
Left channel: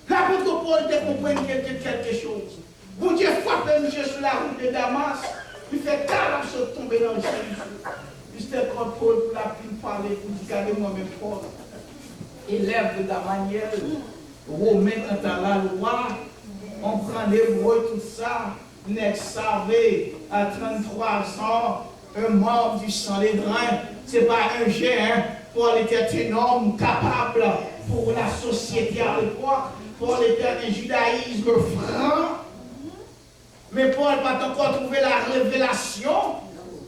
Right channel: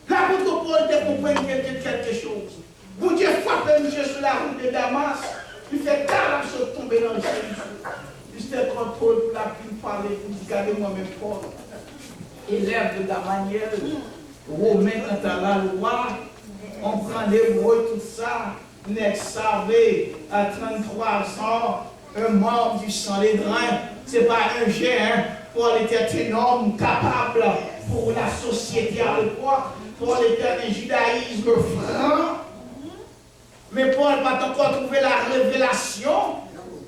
L'apôtre Paul te comprendre qu'il était quelque chose. Bon Dieu frappe monsieur sur la route de Damas. Il fait carrément se tomber dans le ciel. Juste quand Paul l'a pu parler pour dire, regardez-moi mes Paul. Élève de la manière. Romain quand à la loi, on prend l'hébreu, tout ça, n'est savé à 33 ans, un membre du sang des drains, c'est pas un géant, Paul était un homme capable pour la société à l'époque, Paul était un judaïsme franc, mais Paul n'a pas encore trouvé la révélation,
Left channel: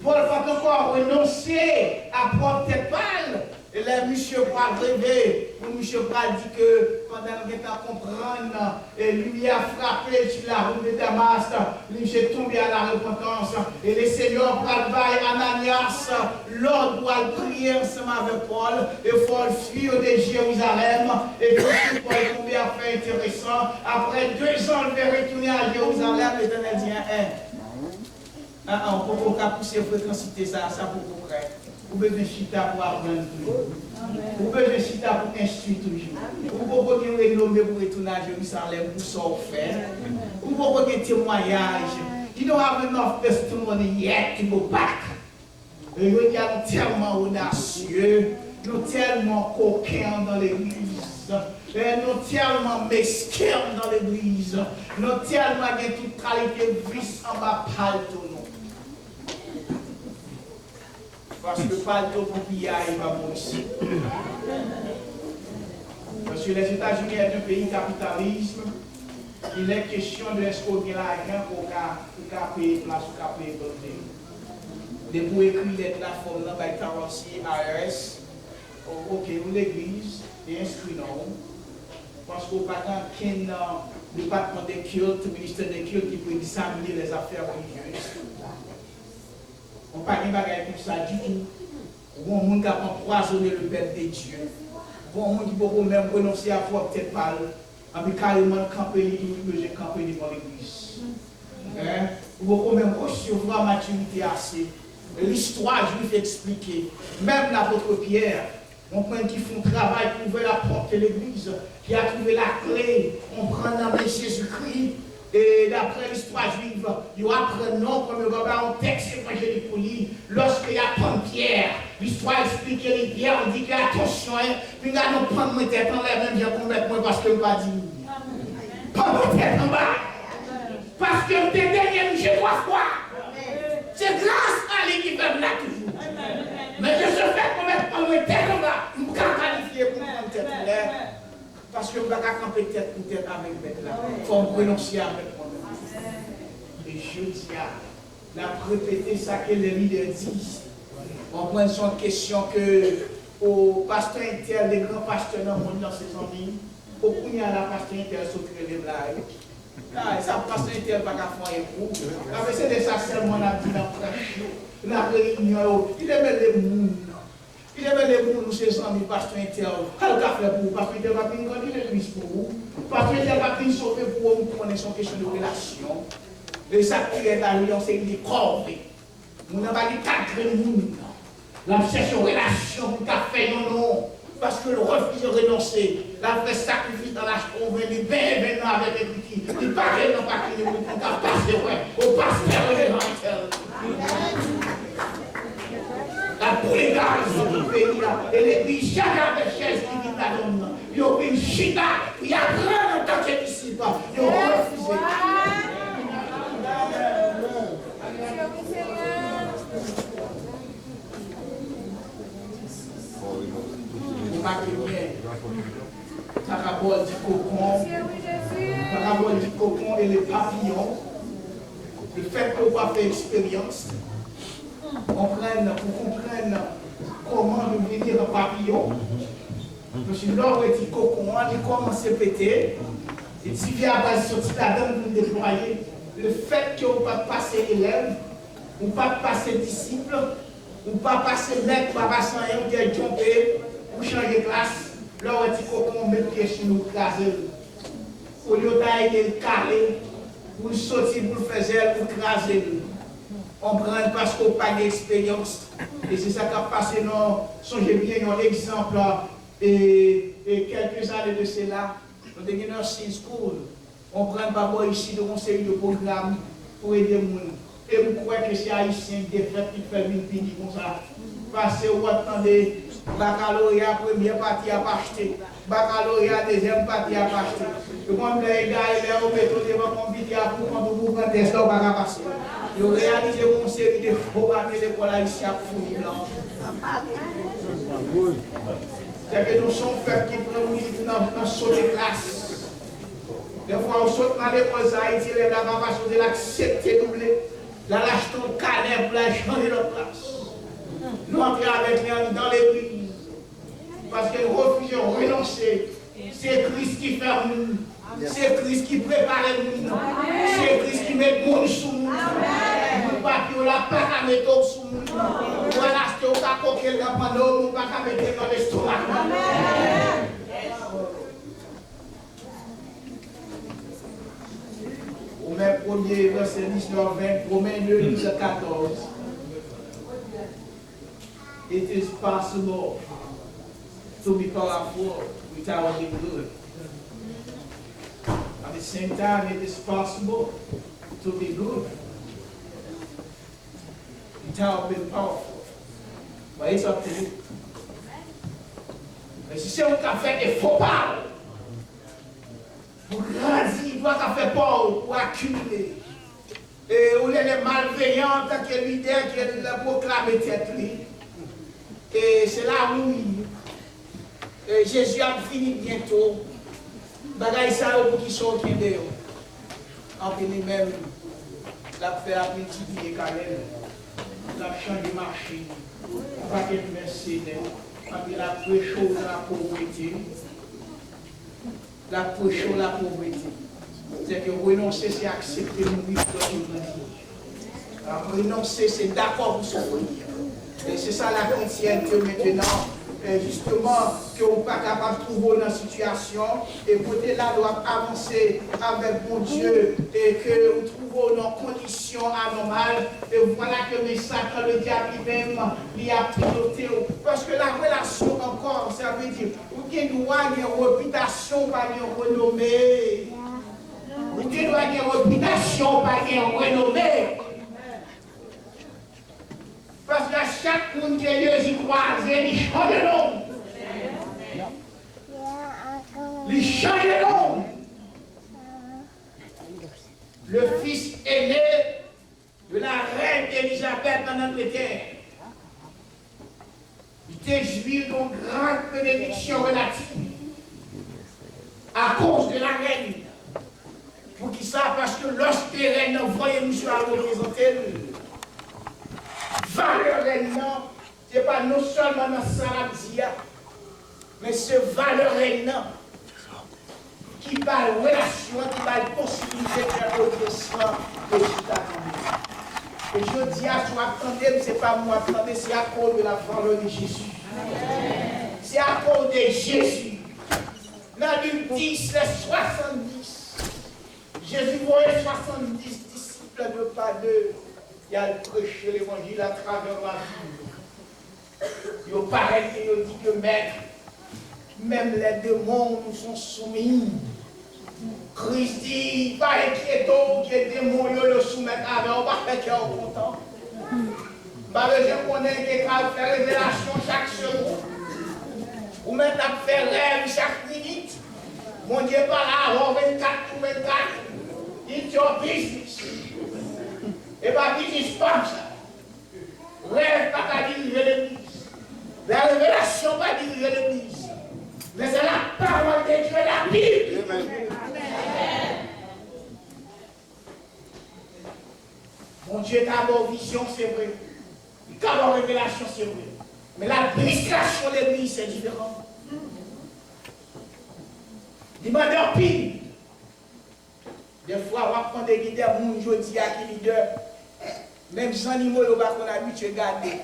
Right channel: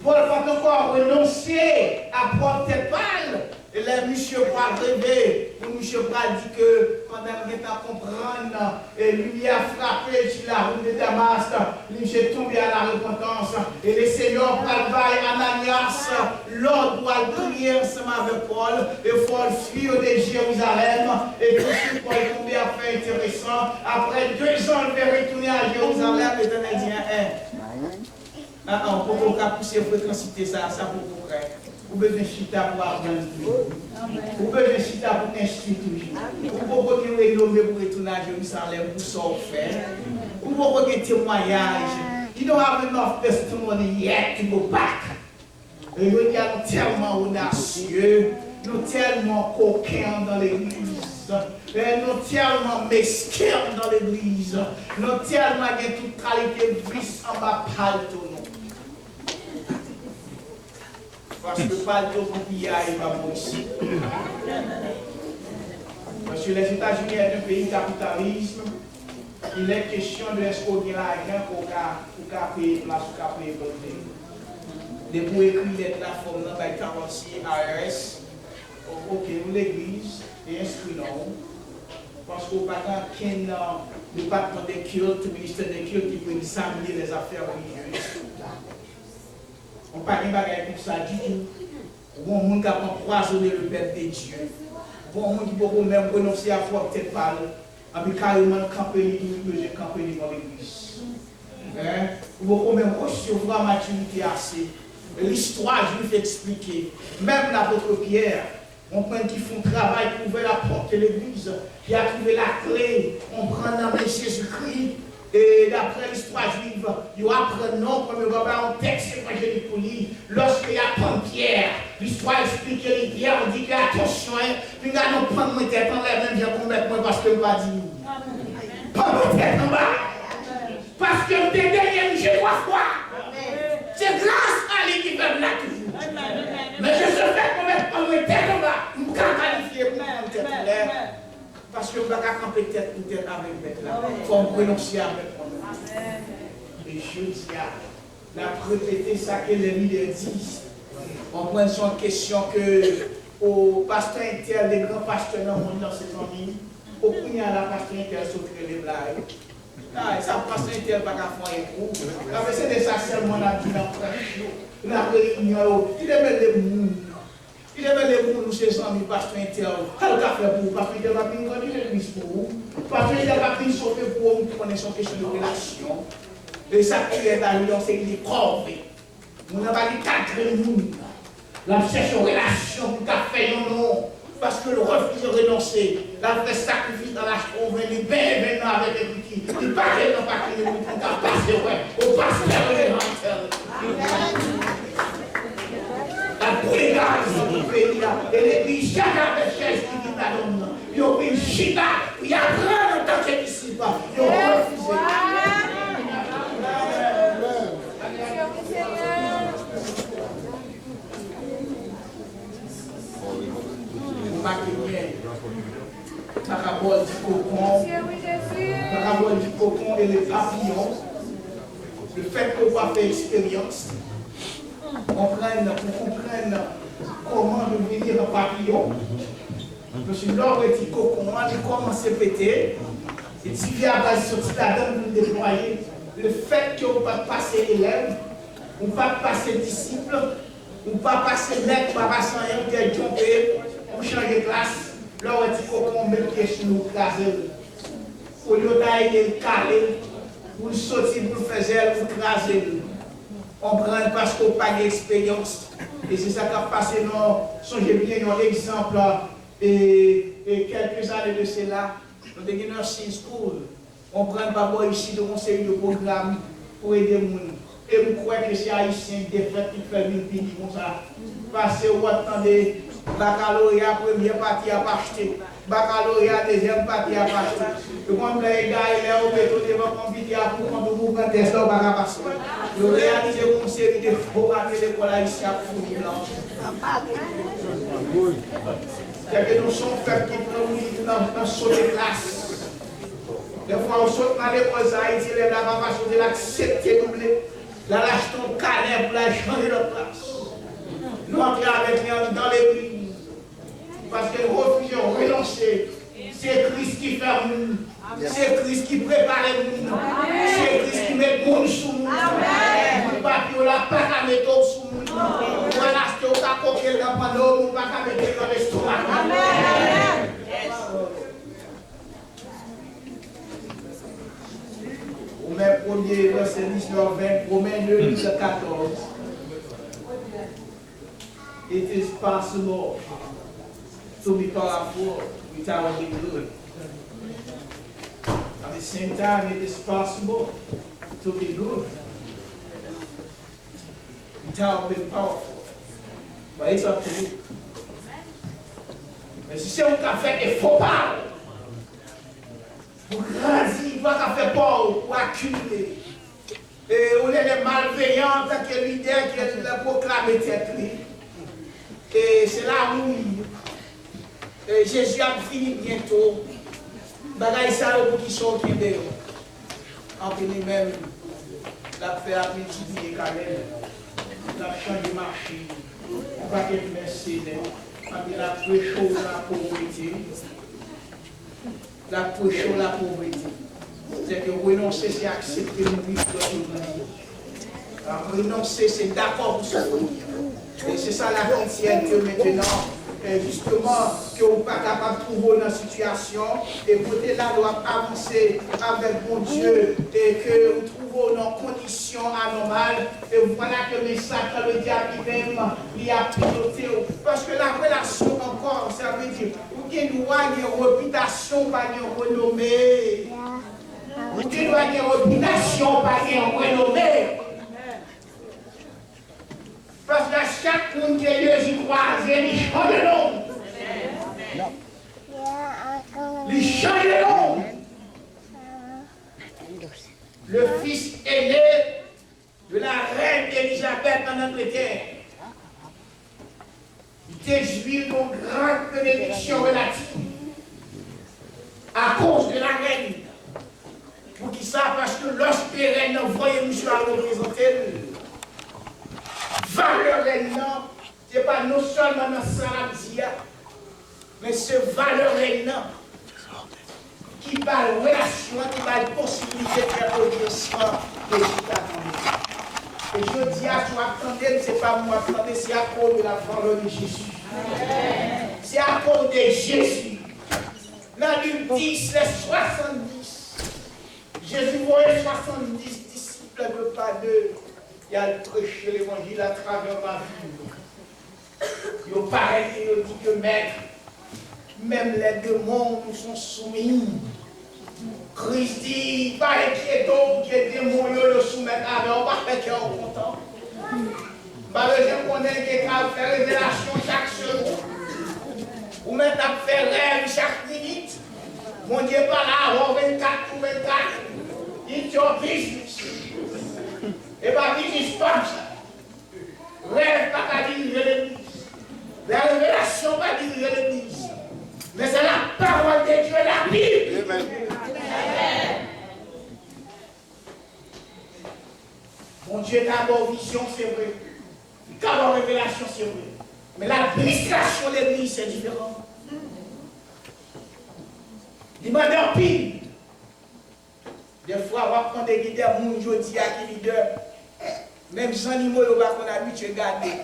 Paul n'a pas encore renoncé à prendre tête pâle. Et là, M. Pral rêvé, M. Pral dit que pendant qu'il était à comprendre, et lui a frappé sur la route de Damas, lui est tombé à la repentance. Et le Seigneur Pral va Ananias, l'ordre doit prier ensemble avec Paul, et Paul fuit de Jérusalem, et tout ce Paul est tombé à faire intéressant. Après 2 ans, il va retourner à Jérusalem, et l'Éternel dit, on peut pas pousser fréquencité ça pour près. Vous besoin de chita pour apprendre toujours. Vous besoin de chita pour instruire toujours. Vous pouvez vous renommer pour retourner à Jérusalem pour s'en faire. Vous pouvez vous témoignage. You don't have enough testimony yet to go back. Et nous sommes tellement audacieux, nous tellement coquins dans l'église. Nous tellement mesquins dans l'église. Nous tellement de toute qualité de vice en bas palto. Parce que pas de popillage va ici. Parce que les États-Unis sont un pays capitaliste. Il est question de est-ce qu'on a l'argent pour payer place ou payer building. De pour écrire la forme dans le carrossier ARS, ok, l'église est inscrit non. Parce qu'au pas qu'un département de culte, le ministère de culte qui peut examiner les affaires religieuses. On ne parle pas de ça du tout. On a des gens qui ont empoisonné le peuple de Dieu. On a des gens qui peuvent même renoncer à foi peut-être pas. Et puis carrément camper dans l'église. On peut même recevoir maturité assez. L'histoire, je vais vous expliquer. Même l'apôtre Pierre, On prend qui font travail pour ouvrir la porte de l'église, qui a trouvé la clé, on prend le nom de Jésus-Christ. Et d'après l'histoire juive, il apprend non comme il va un texte évangélique pour lui. Lorsqu'il apprend Pierre, l'histoire explique que Pierre, on dit que attention, puis là, nous prenons mon tête en l'air, même bien complètement parce que je ne vais pas dire. Pas mon tête en bas. Parce que t'es derrière, je vois quoi. C'est grâce à lui qui fait là toujours. Mais je sais faire complètement mon tête en bas. Je ne peux pas qualifier pour mon tête en l'air. Parce que je ne peux pas camper tête pour tête avec bête là. Il faut me renoncer avec moi-même. Et je dis, la répéter ça que les leaders disent. On prend son question que au pasteur inter, les grands pasteurs dans le monde dans ces familles, au premier à la pasteur inter s'occupe les blagues. Ah, ça pasteur inter pas qu'à faire un coup. C'est de ça seulement la vie dans la réunion. Il aime les mouns. Il aime les mouns, nous, ses amis, pasteur inter. Quel café pour vous? Pasteur inter va venir grandir l'église pour vous. Pasteur inter va venir sauver pour vous. Nous prenons son question de relation. Et ça qui est à lui, c'est qu'il est corvé. Nous n'avons pas dit quatre mouns. La cherche en relation pour qu'a fait non. Parce que le refus de renoncer. La fait sacrifice dans la chambre. On vient bien avec les petits. Il ne pas qu'elle n'a pas qu'il nous qu'a passé, ouais. Au pasteur de l'évangile. La prélégation du pays, et l'église, chacun des chaises qui vit à l'homme, ils ont pris une chita, il y a grand en tant que disciples, ils ont refusé. Vous marquez bien, parabole du cocon, parabole du cocon et les papillons, le fait qu'on va faire expérience. Pour comprendre comment devenir un papillon. Parce que l'or est cocon, il commence à péter. Et tu viens à base sur la donne pour déployer. Le fait que vous ne pas passer élève, ou pas passer disciple, ou pas passer maître, pas passer un qui est trompé, ou changer de classe, l'or est cocon, met pied sur nous, craser. Au lieu d'aller le caler, pour sortir, pour le faire, pour craser. On prend parce qu'on n'a pas d'expérience. Et c'est ça qui a passé, non, songez bien, un exemple, et quelques années de cela, nous avons une nursing school. On prend pas ici de conseil de programme pour aider les gens. Et vous croyez que c'est haïtien des fêtes qui fait une pays comme ça. Parce que vous attendez, baccalauréat, première partie à pas acheter. Baccalauréat, deuxième partie à pas acheter. Et quand les gars, ils sont au béton, ils vont compter pour quand vous prenez test, on va pas passer. Ils ont réalisé une série de faux à l'école haïtienne pour nous blancs. C'est que nous sommes faits qui prennent dans saut de classe. Des fois, on saute dans l'école Haïti, les blancs vont pas sauter l'accepter doublé. Là, lâche ton canet pour la changer de place. Nous entrons avec lui dans l'église. Parce que nous refusons de renoncer. C'est Christ qui fait le monde. C'est Christ qui prépare le monde. C'est Christ qui met le monde sous nous. Nous ne pas qu'à mettre sous nous. Voilà, c'est au cas où il n'y a pas d'eau, nous ne pas qu'à mettre dans l'estomac. Romains 1er, verset 19-20, Romains 2, 14. It is possible to be powerful without being good. At the same time, it is possible to be good without being powerful. But it's up to you. Mais si c'est un café qui faut pas, pour grandir, il doit faire peur, pour accumuler. Et on est les malveillants, tant que l'idée qui est de proclamer tête. Et c'est là où Jésus a fini bientôt. Bagaille ça pour qui sont qui est en fini même, la fait à multiplier quand même. La changé de marché. On va être mercenaire. On a prêché la pauvreté. La prêché la pauvreté. C'est que renoncer, c'est accepter le vivre de renoncer, c'est d'accord pour souffrir. Et c'est ça la chrétienté maintenant. justement, que vous n'êtes pas capable de trouver dans la situation, et vous là doit avancer avec mon Dieu, et que vous trouvez dans conditions anormales, et voilà que le message dans le diable lui-même, il a piloté. Parce que la relation encore, ça veut dire, vous avez une réputation, pas une renommée. Vous avez une réputation, pas une renommée. Parce que chaque monde qui est Dieu y croise, il change de nom. Il change de nom. Le fils aîné de la reine Élisabeth en Angleterre. Il était joué d'une grande bénédiction relative à cause de la reine. Pour qui ça? Parce que lorsque les reines voyaient monsieur à représenter, valeur réellement, ce n'est pas non seulement dans Sarabzia, mais c'est valeur réellement qui va la relation, qui va la possibilité de faire audience de Jésus. Et je dis à toi, attendez, ce n'est pas moi, attendez, c'est à cause de la valeur de Jésus. C'est à cause de Jésus. Dans Luc 10, les 70, Jésus voyait 70 disciples de pas deux. Il a prêché l'évangile à travers la ville. Il paraît qu'il dit que maître, même les démons nous sont soumis. Christ dit, pas inquiétant que les démons le soumettent avec, on va faire qu'il est content. Je connais qu'il a fait révélation chaque seconde. Ou même à faire rêve chaque minute. Mon Dieu par là, 24 ou 24. It's your business. Et pas business comme ça. Rêve pas qu'à diriger l'église. La révélation pas diriger l'église. Mais c'est la parole de Dieu, la Bible. Amen. Mon Dieu d'abord vision, c'est vrai. D'abord révélation, c'est vrai. Mais l'administration de l'église, c'est différent. Demandez en pile. Des fois, on va prendre des leaders, mon Dieu dit à qui leader. Même sans animaux, on va habitué à garder.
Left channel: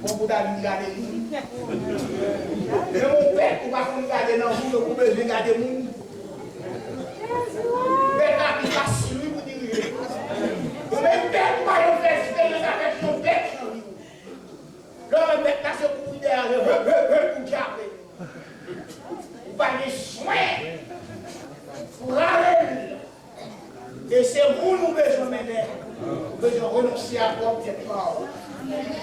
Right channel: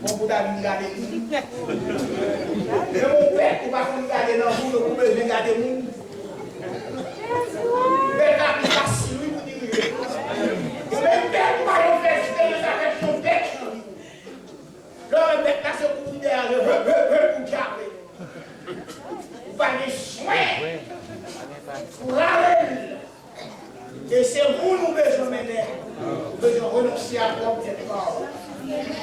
Bon, vous avez gardé nous. Mais mon père, on va garder dans vous, vous besoin de garder nous. Mais la vie facile, oui, vous direz. Même père, vous va faire expérience avec son père. Le mec là, c'est pour vous derrière, pour garder. Vous avez soin pour râler. Et c'est vous nous besoin maintenant. Nous devons renoncer à propre parole.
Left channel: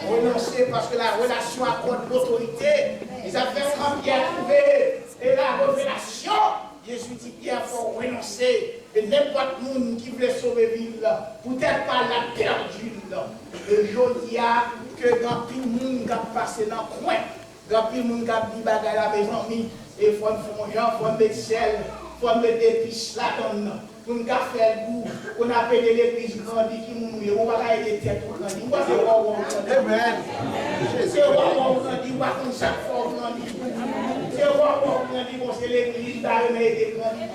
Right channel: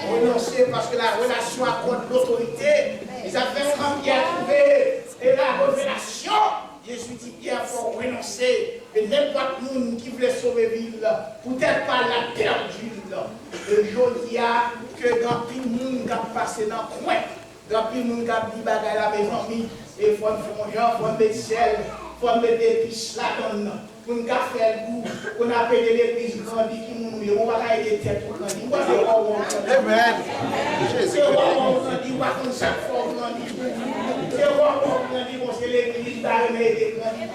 Renoncer parce que la relation accorde l'autorité. Les affaires quand Pierre a trouvé et la révélation, Jésus dit Pierre, il faut renoncer. Et n'importe qui qui voulait sauver la ville, peut-être pas la perdu. Et je dis que dans tout le monde qui a passé dans le coin, dans tout le monde qui a dit bagaille à la maison, il faut un genre, il faut mettre sel, il faut mettre des épices là-dedans. Pour nous faire le goût, on appelle l'église grandie qui mouille, on va aider tête pour grandir. Amen. C'est roi grandi, on va comme chaque fois grandir. C'est roi grandi, c'est l'église d'arrêt aider grandir.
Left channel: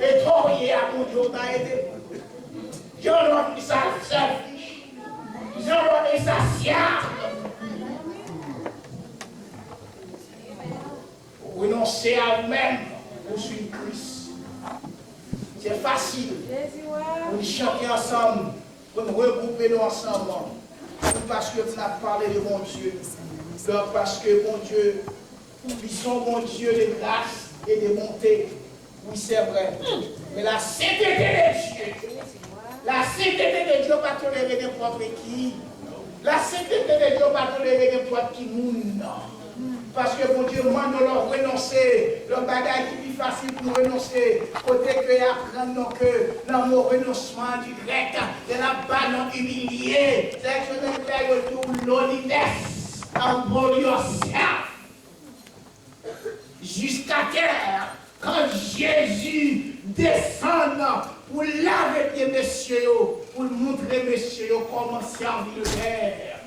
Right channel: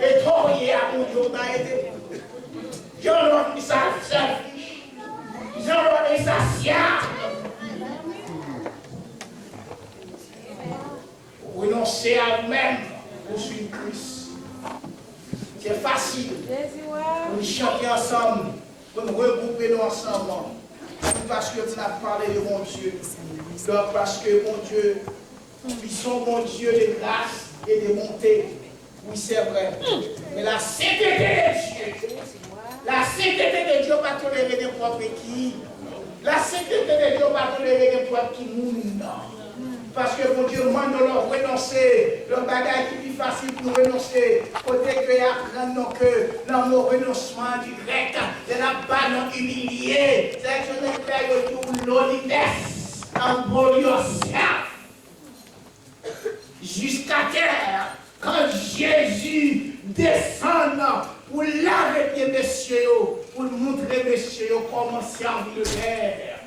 Et toi, il y a mon Dieu d'aider. J'en ai ça selfish. J'en ai ça siable. Renoncer à vous-même pour suivre Christ. C'est facile. Pour nous chanter ensemble, pour nous regrouper nous ensemble. Parce que tu as parlé de mon Dieu. Donc parce que mon Dieu, ils sont mon Dieu de grâce et de bonté. Oui, c'est vrai. Mais la sainteté de Dieu, la sainteté de Dieu va tolérer n'importe qui. La sainteté de Dieu va tolérer n'importe qui. Parce que mon Dieu demande de leur renoncer. Le bagage qui est plus facile pour nous renoncer. Côté que apprendre que dans mon renoncement du grec, de la bas humilié. C'est que je ne paye tout loneliness. Humble yourself. Jusqu'à terre. Quand Jésus descend pour laver les messieurs, pour montrer messieurs comment servir le Père.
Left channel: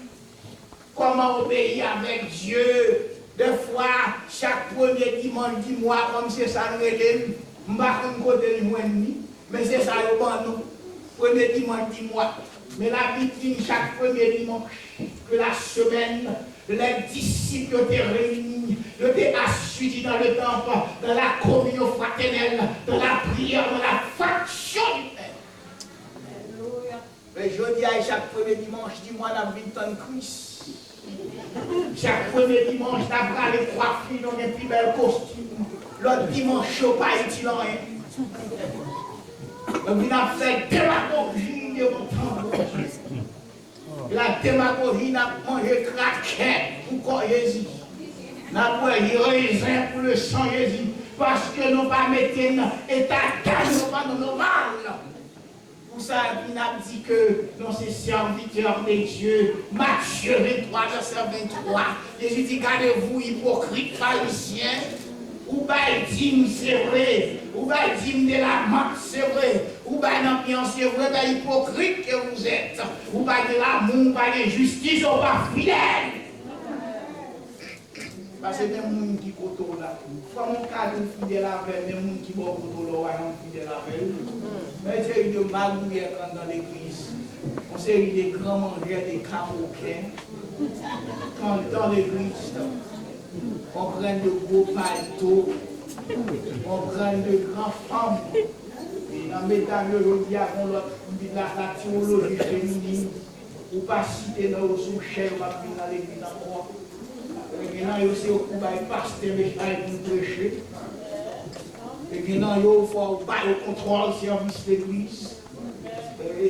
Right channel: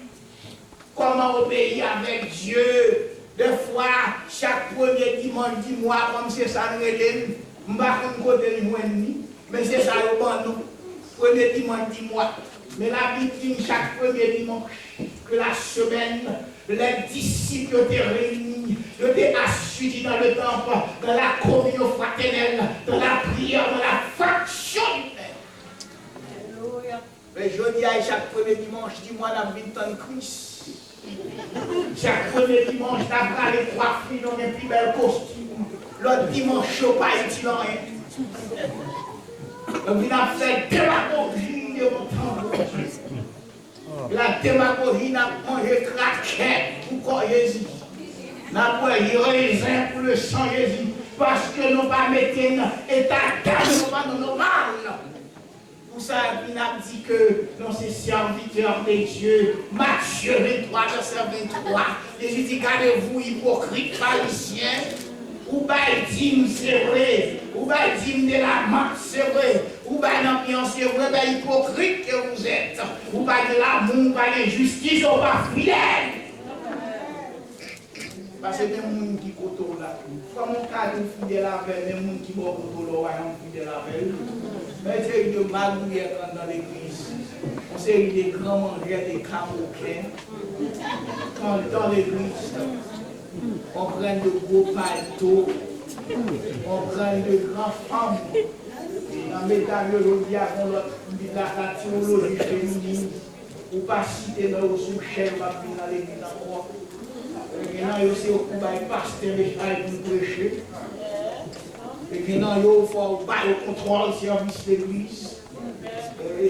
Comment obéir avec Dieu. Des fois, chaque premier dimanche du mois, comme c'est ça, nous relève, je ne sais pas côté mais c'est ça, nous nous. Premier dimanche du mois. Mais la Bible dit chaque premier dimanche. que la semaine, les disciples étaient réunis, ils étaient assis dans le temple, dans la communion fraternelle, dans la prière, dans la faction humaine. Mais je dis à chaque premier dimanche du mois d'Avril, Christ. Chaque premier dimanche, d'après les trois filles dans les plus belles costumes. L'autre dimanche, je ne pas utile rien. Donc, il a fait démagogie de mon temps. La démagogie n'a mangé craquette pour quoi Jésus. N'a pas raisin pour le sang Jésus. Parce que nous ne pas mettre un état d'âme, pas normal. Pour ça, il a dit que nous sommes serviteurs de Dieu. Matthieu 23, verset 23. Jésus dit, gardez-vous, hypocrites, pharisiens. Ou bien dit c'est vrai, ou bien dit de la marque c'est vrai, ou bien l'ambiance c'est vrai, ben hypocrite que vous êtes, ou bien de l'amour, ou bien de justice, ou pas fidèle. Parce que même les gens qui côtoient là, quand mon cas est fidèle avec, même les gens qui sont côtoient là, sont fidèles avec. Mais c'est une magouille dans l'église. On sait des grands mangeurs, des caroquins. Dans l'église, on prend de gros paletots, on prend de grandes femmes. Et dans la métallurgie, on a la théologie féminine, ou pas citer dans le sous-chef, on va dans l'église encore. Maintenant, il y a aussi un pasteur pour prêcher. Et maintenant, il faut le contrôle du service de l'église.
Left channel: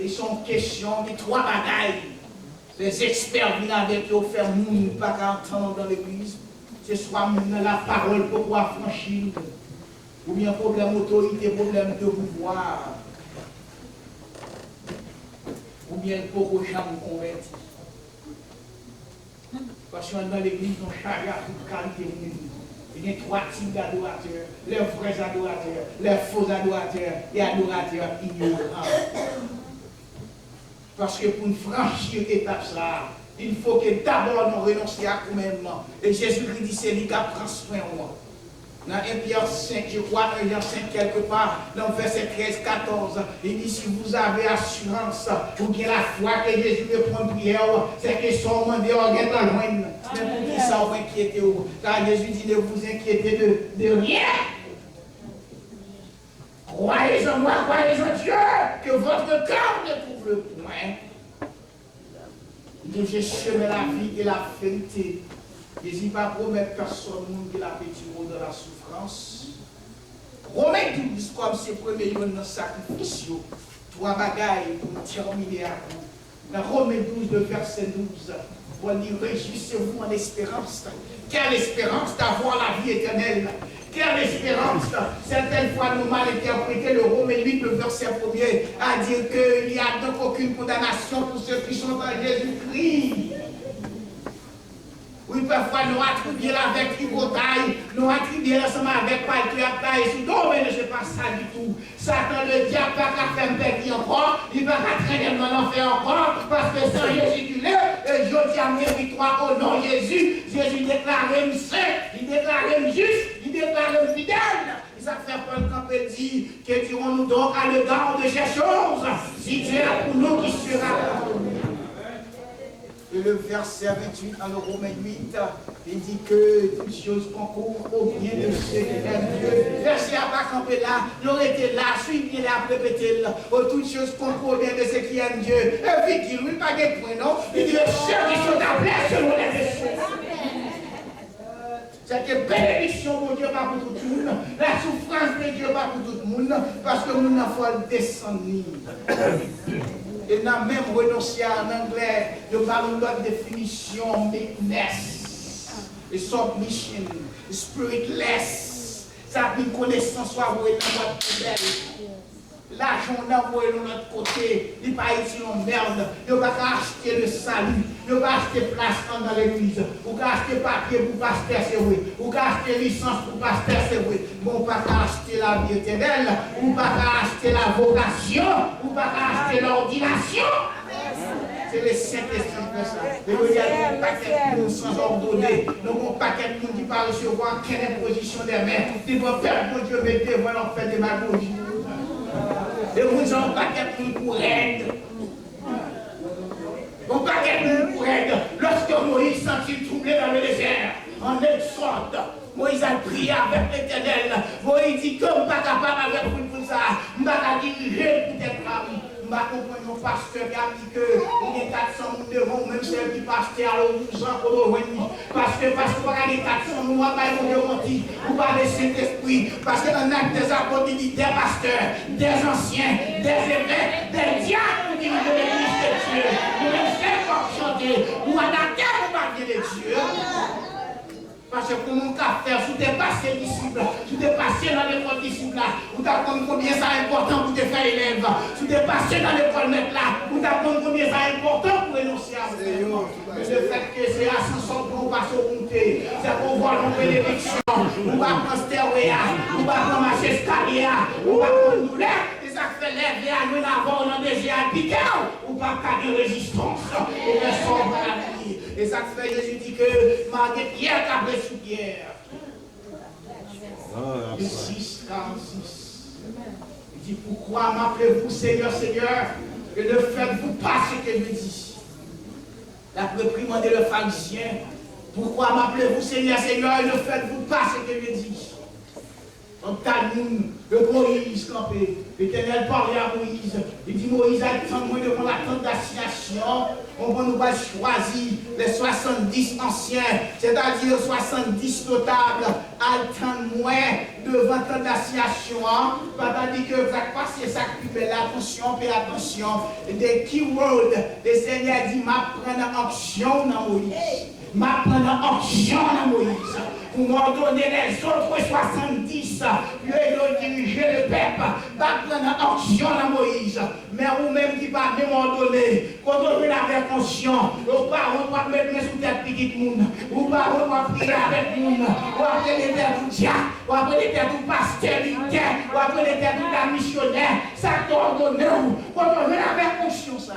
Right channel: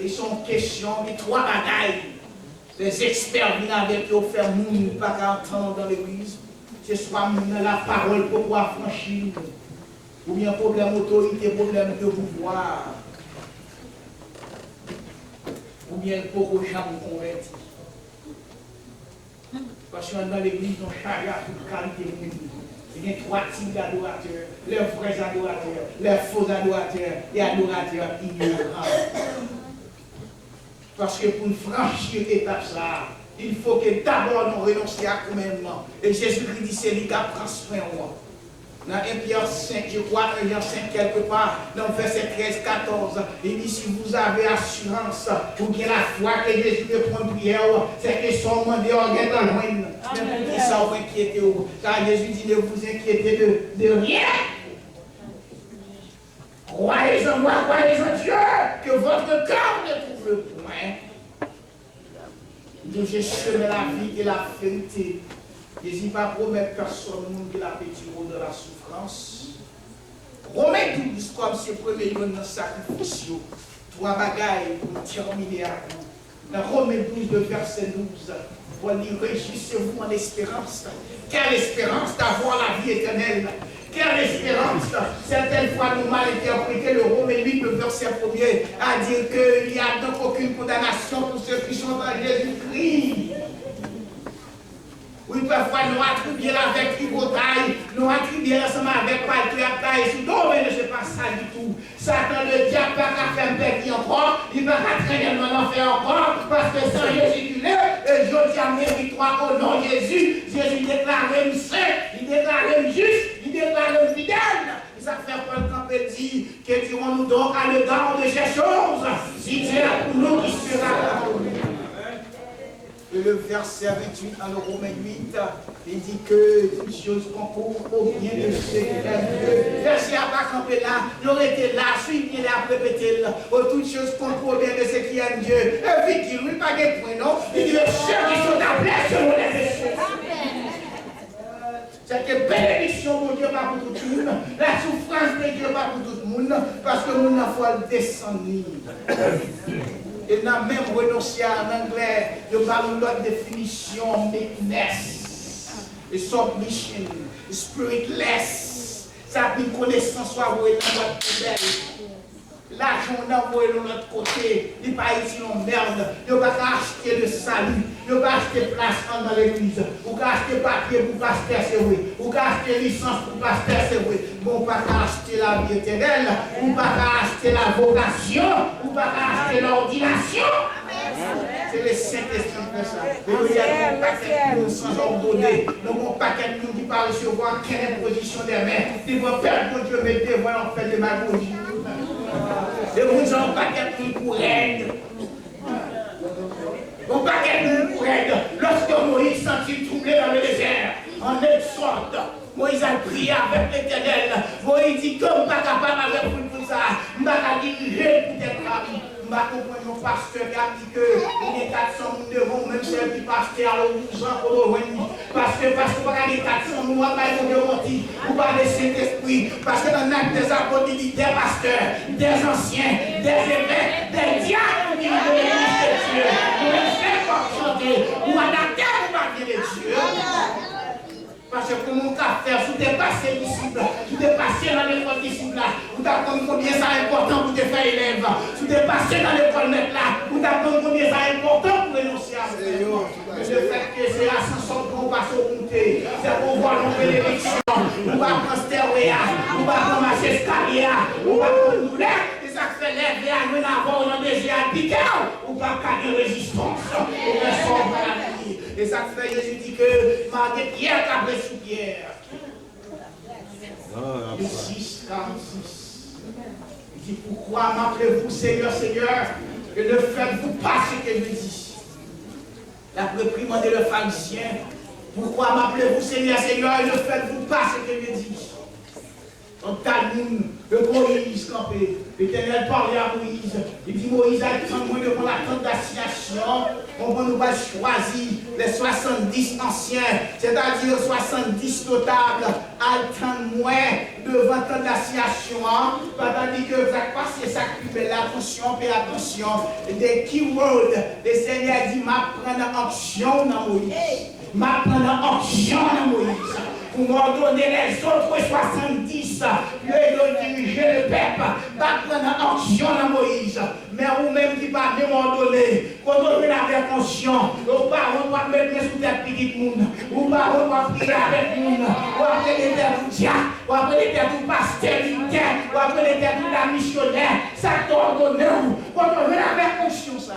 Ils sont questions de trois bagailles. Les experts viennent avec eux faire moun, pas qu'à entendre dans l'église. C'est soit la parole pour pouvoir franchir. Ou bien problème d'autorité, problème de pouvoir. Ou bien pour que jamais convertir. Parce que dans l'église, on charge à toute qualité de monde. Il y a trois types d'adorateurs, les vrais adorateurs, les faux adorateurs et adorateurs ignorants. Parce que pour franchir l'étape, il faut que d'abord nous renoncions à nous-mêmes. Et Jésus-Christ dit, c'est lui qui prend soin de moi. Dans 1 Pierre 5, je crois, 1 Pierre 5 quelque part, dans verset 13-14, il dit, si vous avez assurance, ou bien la foi que Jésus me prend prière, c'est que son monde est en guet dans loin. Mais pour qui ça vous inquiétez, car Jésus dit, ne vous inquiétez de rien. Croyez en moi, croyez en Dieu, que votre cœur ne trouve le point. Dieu, j'ai semé la vie et la vérité. Jésus ne va pas promettre personne qui l'a petit mot de la souffrance. Romains 12, comme ses premiers jours dans le sacrifice, trois bagailles pour terminer à vous. Dans Romains 12, le verset 12, pour dire réjouissez-vous en espérance. Quelle espérance d'avoir la vie éternelle. Quelle espérance. Certaines fois, nous mal interprété le Romains 8, le verset 1er, à dire qu'il n'y a donc aucune condamnation pour ceux qui sont dans Jésus-Christ. Oui, parfois nous attribuons avec Ibotaille, nous attribuons ensemble avec Paltu Abtaï, et tout, mais ce n'est pas ça du tout. Satan, le diable, n'a pas faire perdre encore, il ne va pas traîner dans l'enfer encore, parce que sans Jésus du lait, et je dis à mes victoires au nom de Jésus, Jésus déclare saint, il déclare juste, il déclare fidèle. Ça fait Paul quand il dit, que dirons-nous donc à l'égard de ces choses, si Dieu est pour nous, qui sera pour nous. Et le verset 28 dans le Romains 8, il dit que toutes choses concourent au bien de ceux qui aiment Dieu. Verset à pas camper là, il aurait été là, suivez là, répétez là. Toutes choses concourent au bien de ceux qui aiment Dieu. Et puis il ne dit pas de point, non? Il dit ceux qui sont appelés selon les esprits. C'est que bénédiction pour Dieu, pas pour tout le monde. La souffrance de Dieu, pas pour tout le monde. Parce que nous n'avons pas le descendre. Et n'a même renoncé en anglais, de parler de l'autre définition, meekness, submission, spiritless. Ça a une connaissance soit envoyée dans notre poubelle. L'argent on a envoyé de l'autre côté, il n'est pas ici en merde. Il ne va pas acheter le salut, il ne va pas acheter place dans l'église, ou pas acheter papier pour pasteur, c'est vrai, ou pas acheter licence pour pasteur, c'est vrai. Bon, pas acheter la vie éternelle, ou pas acheter la vocation, ou pas acheter l'ordination. C'est le Saint-Esprit qui fait ça. Et il y a un paquet de monde sans ordonner. Donc, un paquet de monde qui parle recevoir quelle imposition des mains. Il va faire que Dieu mette devant l'en fait de ma bouche. Et vous avez un paquet de monde pour aide. Un paquet de monde pour aide. Lorsque en exhorte. Moïse a prié avec l'Éternel. Moïse dit que je ne suis pas capable avec vous ça. Je ne suis pas diriger peut-être à vous. Je comprends mon pasteur qui a dit que il y a 400 devant même celle qui pasteur à 12 ans pour le parce que pas gagner 400 nous on va y menti ou pas le Saint-Esprit parce que dans l'acte des apôtres il dit des pasteurs, des anciens, des évêques, des diacres qui vivent de l'Église de Dieu. Nous ne faisons pas chanter ou adapter au papier de Dieu. Parce que pour mon cas faire, si tu es passé disciple, si tu es passé dans l'école disciple là, vous t'apprendre combien ça est important pour te faire élève. Si tu es passé dans l'école maître là, vous t'apprendre combien ça est important pour renoncer à vous. Mais le fait que c'est ascension pour passer au monter, c'est pour voir nos bénédictions, on va prendre stéroïa, on va prendre marcher escalier, on va prendre douleur. Ça fait lever à nous d'abord dans des géants piqués ou pas qu'à de résistance et de sauver la vie. Et ça fait Jésus dit que malgré Pierre qui a pris sous Pierre. 6, 46. Il dit pourquoi m'appelez-vous Seigneur, Seigneur, et ne faites-vous pas ce que je dis. La réprimandé le pharisien. Pourquoi m'appelez-vous Seigneur, Seigneur, et ne faites-vous pas ce que je dis. Dans Talmud, le Moïse campé, l'Éternel parlait à Moïse. Il dit Moïse, attends-moi devant la tente d'assignation. On va nous choisir les 70 anciens, c'est-à-dire 70 notables. Attends-moi devant la tente d'assignation. Tandis que vous avez passé ça qui fait l'attention, fais attention. Des keywords, le Seigneur dit m'apprendre action dans Moïse. M'apprendre action dans Moïse. Pour m'ordonner les autres 70, lui diriger le peuple, pas prendre action dans Moïse. Mais vous-même qui pas m'ordonner, quand on vient avec conscience, vos parents doivent mettre sous tête petite monde, vos parents doivent prier avec monde, ou après les terres du diable, ou après les terres du pasteur militaire, ou après les terres de la missionnaire, ça t'ordonne, quand on vient avec conscience.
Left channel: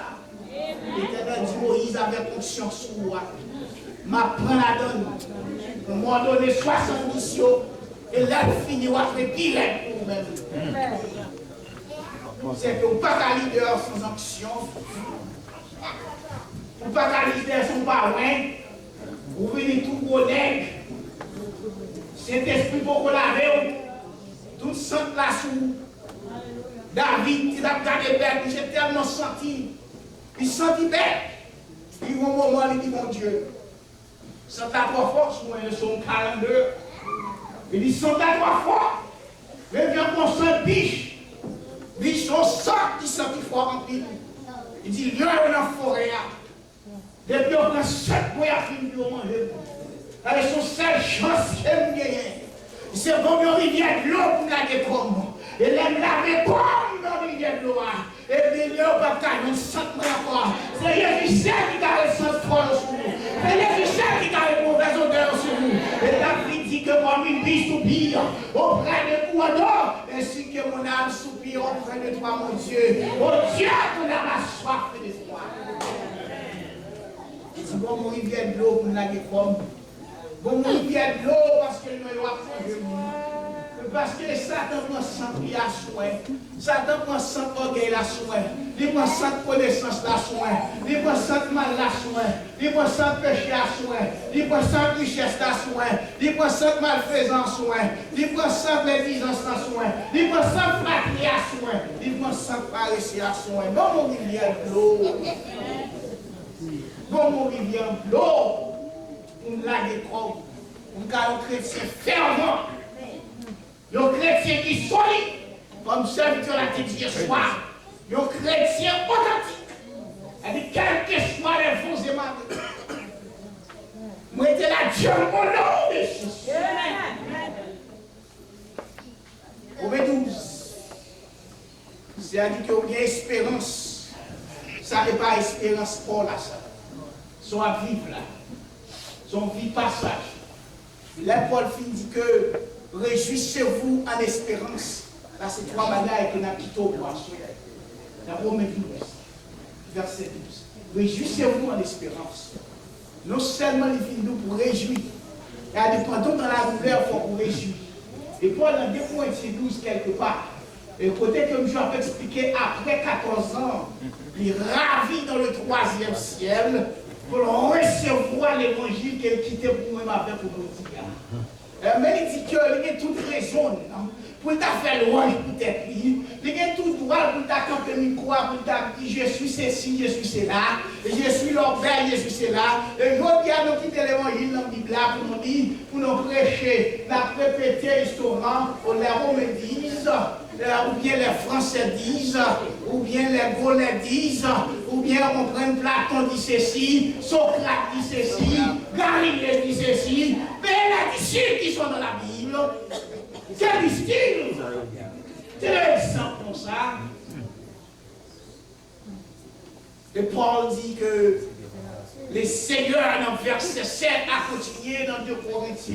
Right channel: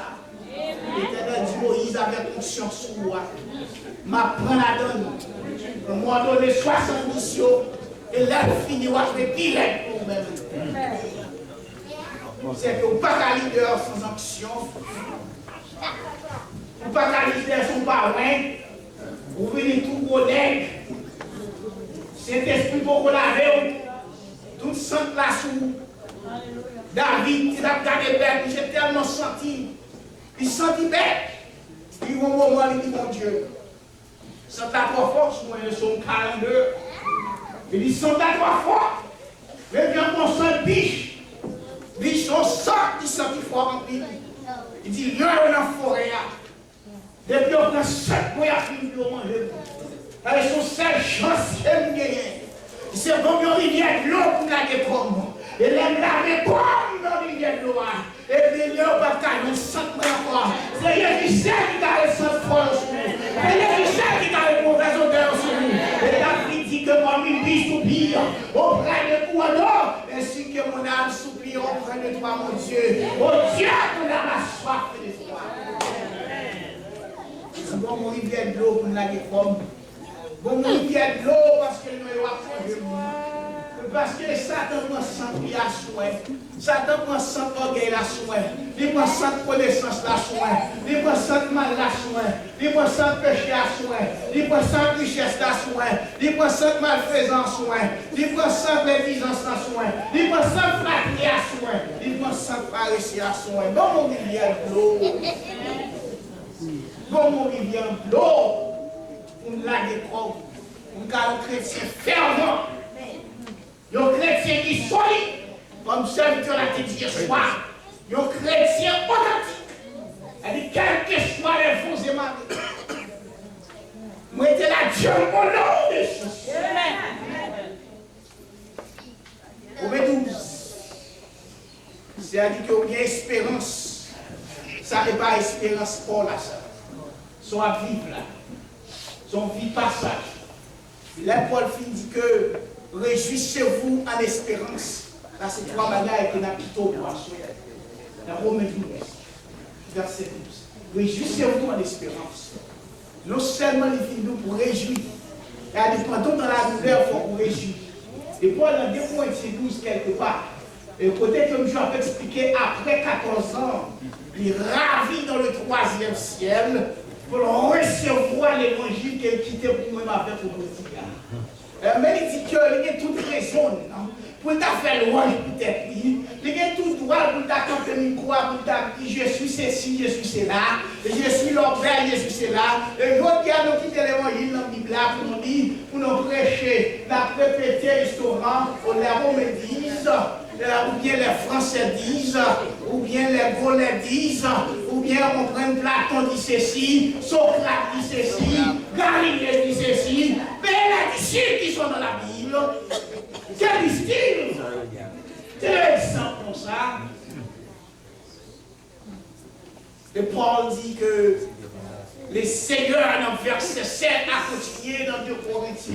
L'Éternel dit Moïse avec conscience sur moi. M'apprends la donne. On m'a donné 70 jours et là, il finit à faire pire pour vous-même. C'est que vous pas qu'à leader sans action. Vous pas qu'à leader sans parrain. Vous venez tout connaître. Saint-Esprit pour vous laver. Tout sang là sous. David, il a regardé bête, j'ai tellement senti. Il sentit bête. Il y a un moment, il dit mon Dieu. Sans ta trois force, moi, je suis 42. Il dit, sans ta trois force, mais bien qu'on sent biche. Biche, on sent qu'il sent qu'il faut en pile. Il dit, il y a une forêt. Depuis on prend 7 mois à finir de manger. Avec son seule chance qu'elle gagne. C'est comme une rivière de l'eau pour laver comme. Et l'aime laver comme dans la rivière de l'eau. Et puis, il n'y a pas de 5 mois encore. C'est Jésus qui a le sang froid sur nous. C'est Jésus qui a le mauvais odeur sur nous. Et David dit que moi, mes pieds soupirent auprès de toi, non. Ainsi que mon âme soupire auprès de toi, mon Dieu. Oh Dieu, ton âme a soif de toi. C'est bon, mon rivière de l'eau pour la comme. Bon, mon rivière de l'eau parce que nous avons parce que Satan prend sans prier à souhait. Satan prend sans orgueil la souhait. Il prend sans connaissance la souhait. Il prend sans mal la souhait. Il prend sans péché la souhait. Il prend sans richesse la souhait. Il prend sans malfaisance souhait. Il prend sans médisance la souhait. Il prend sans flatterie à souhait. Il prend sans paresser à souhait. Bon, mon rivière de l'eau. Bon, mon rivière de l'eau. Pour nous laguer trop. Pour nous un chrétien fervent. Un chrétien qui est solide, comme serviteur l'a dit hier soir. Un chrétien authentique. Elle dit, quel que soit les faux et mauvais. Moi, j'étais là, Dieu, mon nom de Jésus. Au 12, c'est-à-dire qu'il y a une espérance. Ça n'est pas espérance pour là, ça. Son à vivre là. Son vie passage. Là, Paul dit que réjouissez-vous en espérance. Là, c'est 3 manières que nous avons plutôt pour assurer. Dans Romains 12, verset 12. Réjouissez-vous en espérance. Non seulement les filles nous pour réjouir. Et à des pendant dans la douleur, il faut vous réjouir. Et Paul, dans 2 Corinthiens 12, quelque part, et côté comme je vais expliquer, après 14 ans, il ravit dans le 3e ciel. pour recevoir l'évangile qu'elle quittait pour moi avec vous dire. Mais il dit qu'il y a toute raison pour t'a faire louange peut-être. Il y a tout droit pour t'a camper micro, pour t'a dire je suis ceci, je suis cela, je suis l'objet, je suis cela. Et je dis à nous quitter l'évangile dans la Bible pour nous dire, pour nous prêcher, nous répéter l'histoire, les Romains disent, ou bien les Français disent, ou bien les Gaulois disent, ou bien on prend Platon dit ceci, Socrate dit ceci, Galilée dit ceci, mais les disciples qui sont dans la Bible, quel style? C'est l'exemple comme ça. Et Paul dit que le Seigneur, dans le verset 7, a continué dans 2 Corinthiens.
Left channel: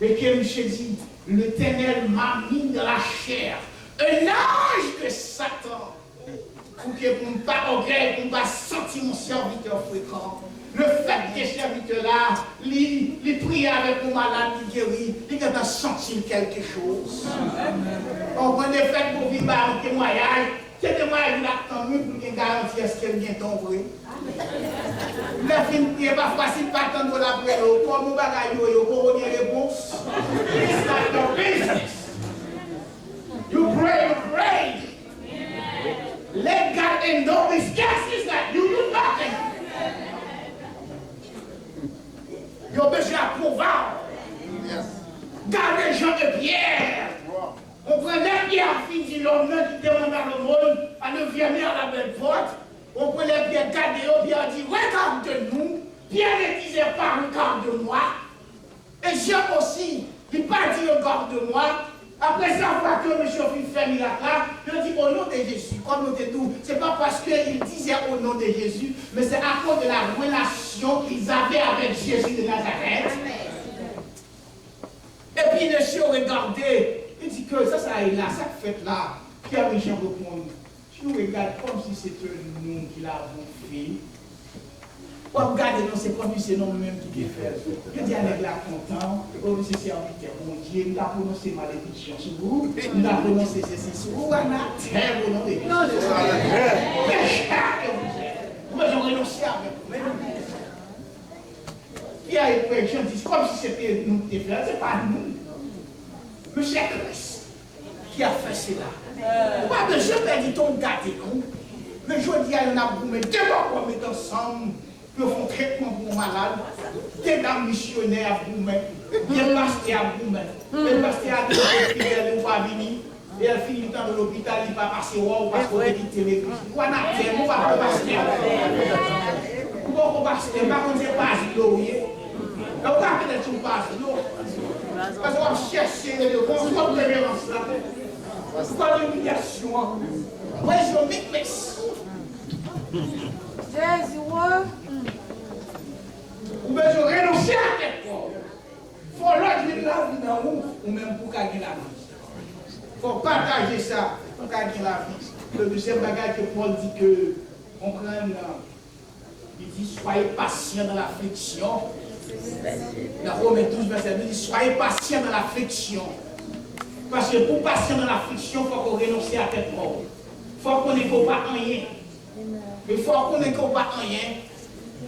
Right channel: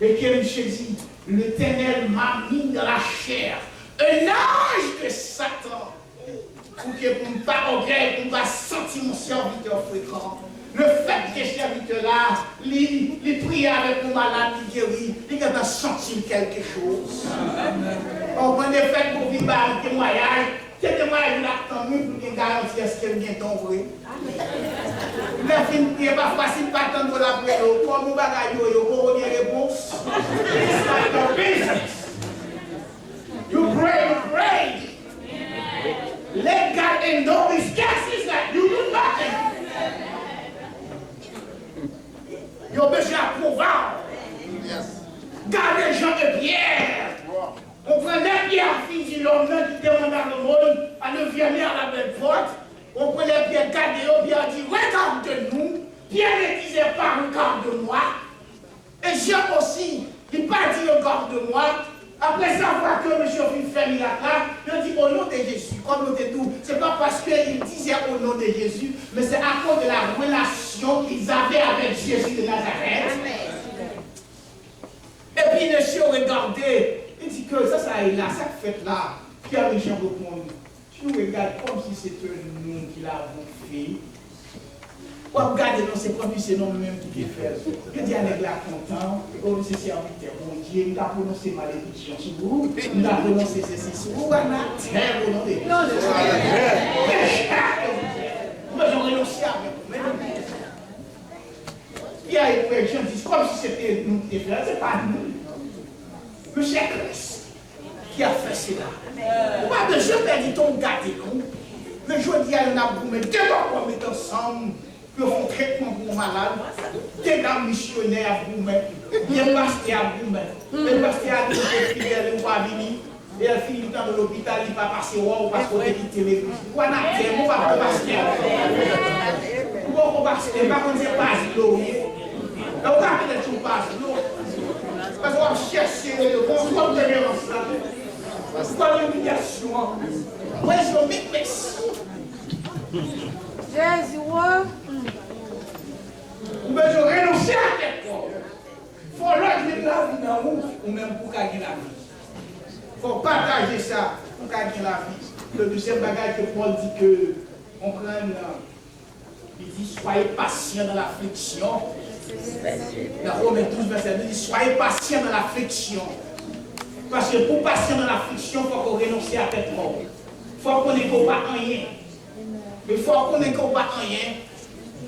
Et que Michel dit, l'Éternel m'a mis dans la chair un ange de Satan pour que pour ne pas orgueil, pour ne pas sentir mon serviteur fréquent. Le fait que ce serviteur-là, il prie avec mon malade, il guérit, il a senti quelque chose. On prend des fêtes pour vivre un témoignage. Ce témoignage, il a tant mieux pour garantir ce qu'il vient d'en vrai. Le film n'est pas facile, pas tant de la prière. Comme nous bagaillons, il faut une réponse. It's not your business. You pray. Let God endure his guesses that you do nothing. You have besoin d'approval. Gardez les gens de pierre. On prend les pierres fines de l'homme qui demande à le monde à ne venir à la belle porte. On prend les pierres gardées, Pierre dit regarde-nous. Pierre ne disait pas regarde-moi. Et Jean aussi, il n'a pas dit regarde-moi. Après savoir que M. Philippe fait miracle là, il dit au nom de Jésus, comme nous tout, ce n'est pas parce qu'il disait au nom de Jésus, mais c'est à cause de la relation qu'ils avaient avec Jésus de Nazareth. Et puis monsieur regardez, il dit que ça est là, ça fait là, Pierre et Jean répondent, tu nous regardes comme si c'était nous qui l'avons fait. Ou regardez, non, c'est comme si c'est nous-mêmes qui l'avons fait. Je dis à l'église content, comme si c'est serviteur, mon Dieu, nous avons prononcé malédiction sur vous, nous avons prononcé ceci sur vous, on a terre au nom de Dieu. Moi, j'aurais renoncé avec vous. Pierre et Jean disent comme si c'était nous qui l'avons fait, ce n'est pas nous. Monsieur Christ qui a fait cela. Pas de je perdis ton gâté, mais je dis à un aboumé, deux fois qu'on met ensemble, que font traitement pour malade, des dames missionnaires à vous mettre, des pasteurs à vous mettre, des pasteurs à vous mettre, elle ne va venir, et elle finit le temps de l'hôpital, il va passer ou parce qu'on a quitté l'église. On a fait, on va pas passer. On va pas passer, par contre, c'est pas l'eau. On va peut-être tout passer l'eau. Parce qu'on va chercher le bon de l'érance là. Pourquoi l'humiliation? Moi, je vais me mettre. Jésus, ouais. Ou bien je renoncer à quelque chose. Il faut l'autre la vie dans vous, ou même pour gagner la vie. Il faut partager ça pour gagner la vie. Le deuxième bagage que Paul dit que, on prend, il dit soyez patient dans l'affliction. Dans Romains 12, verset 2, il dit soyez patient dans l'affliction. Parce que pour patient dans l'affliction, il faut qu'on renonce à tête mort. Il faut qu'on n'ait pas rien. Mais il faut qu'on n'ait pas rien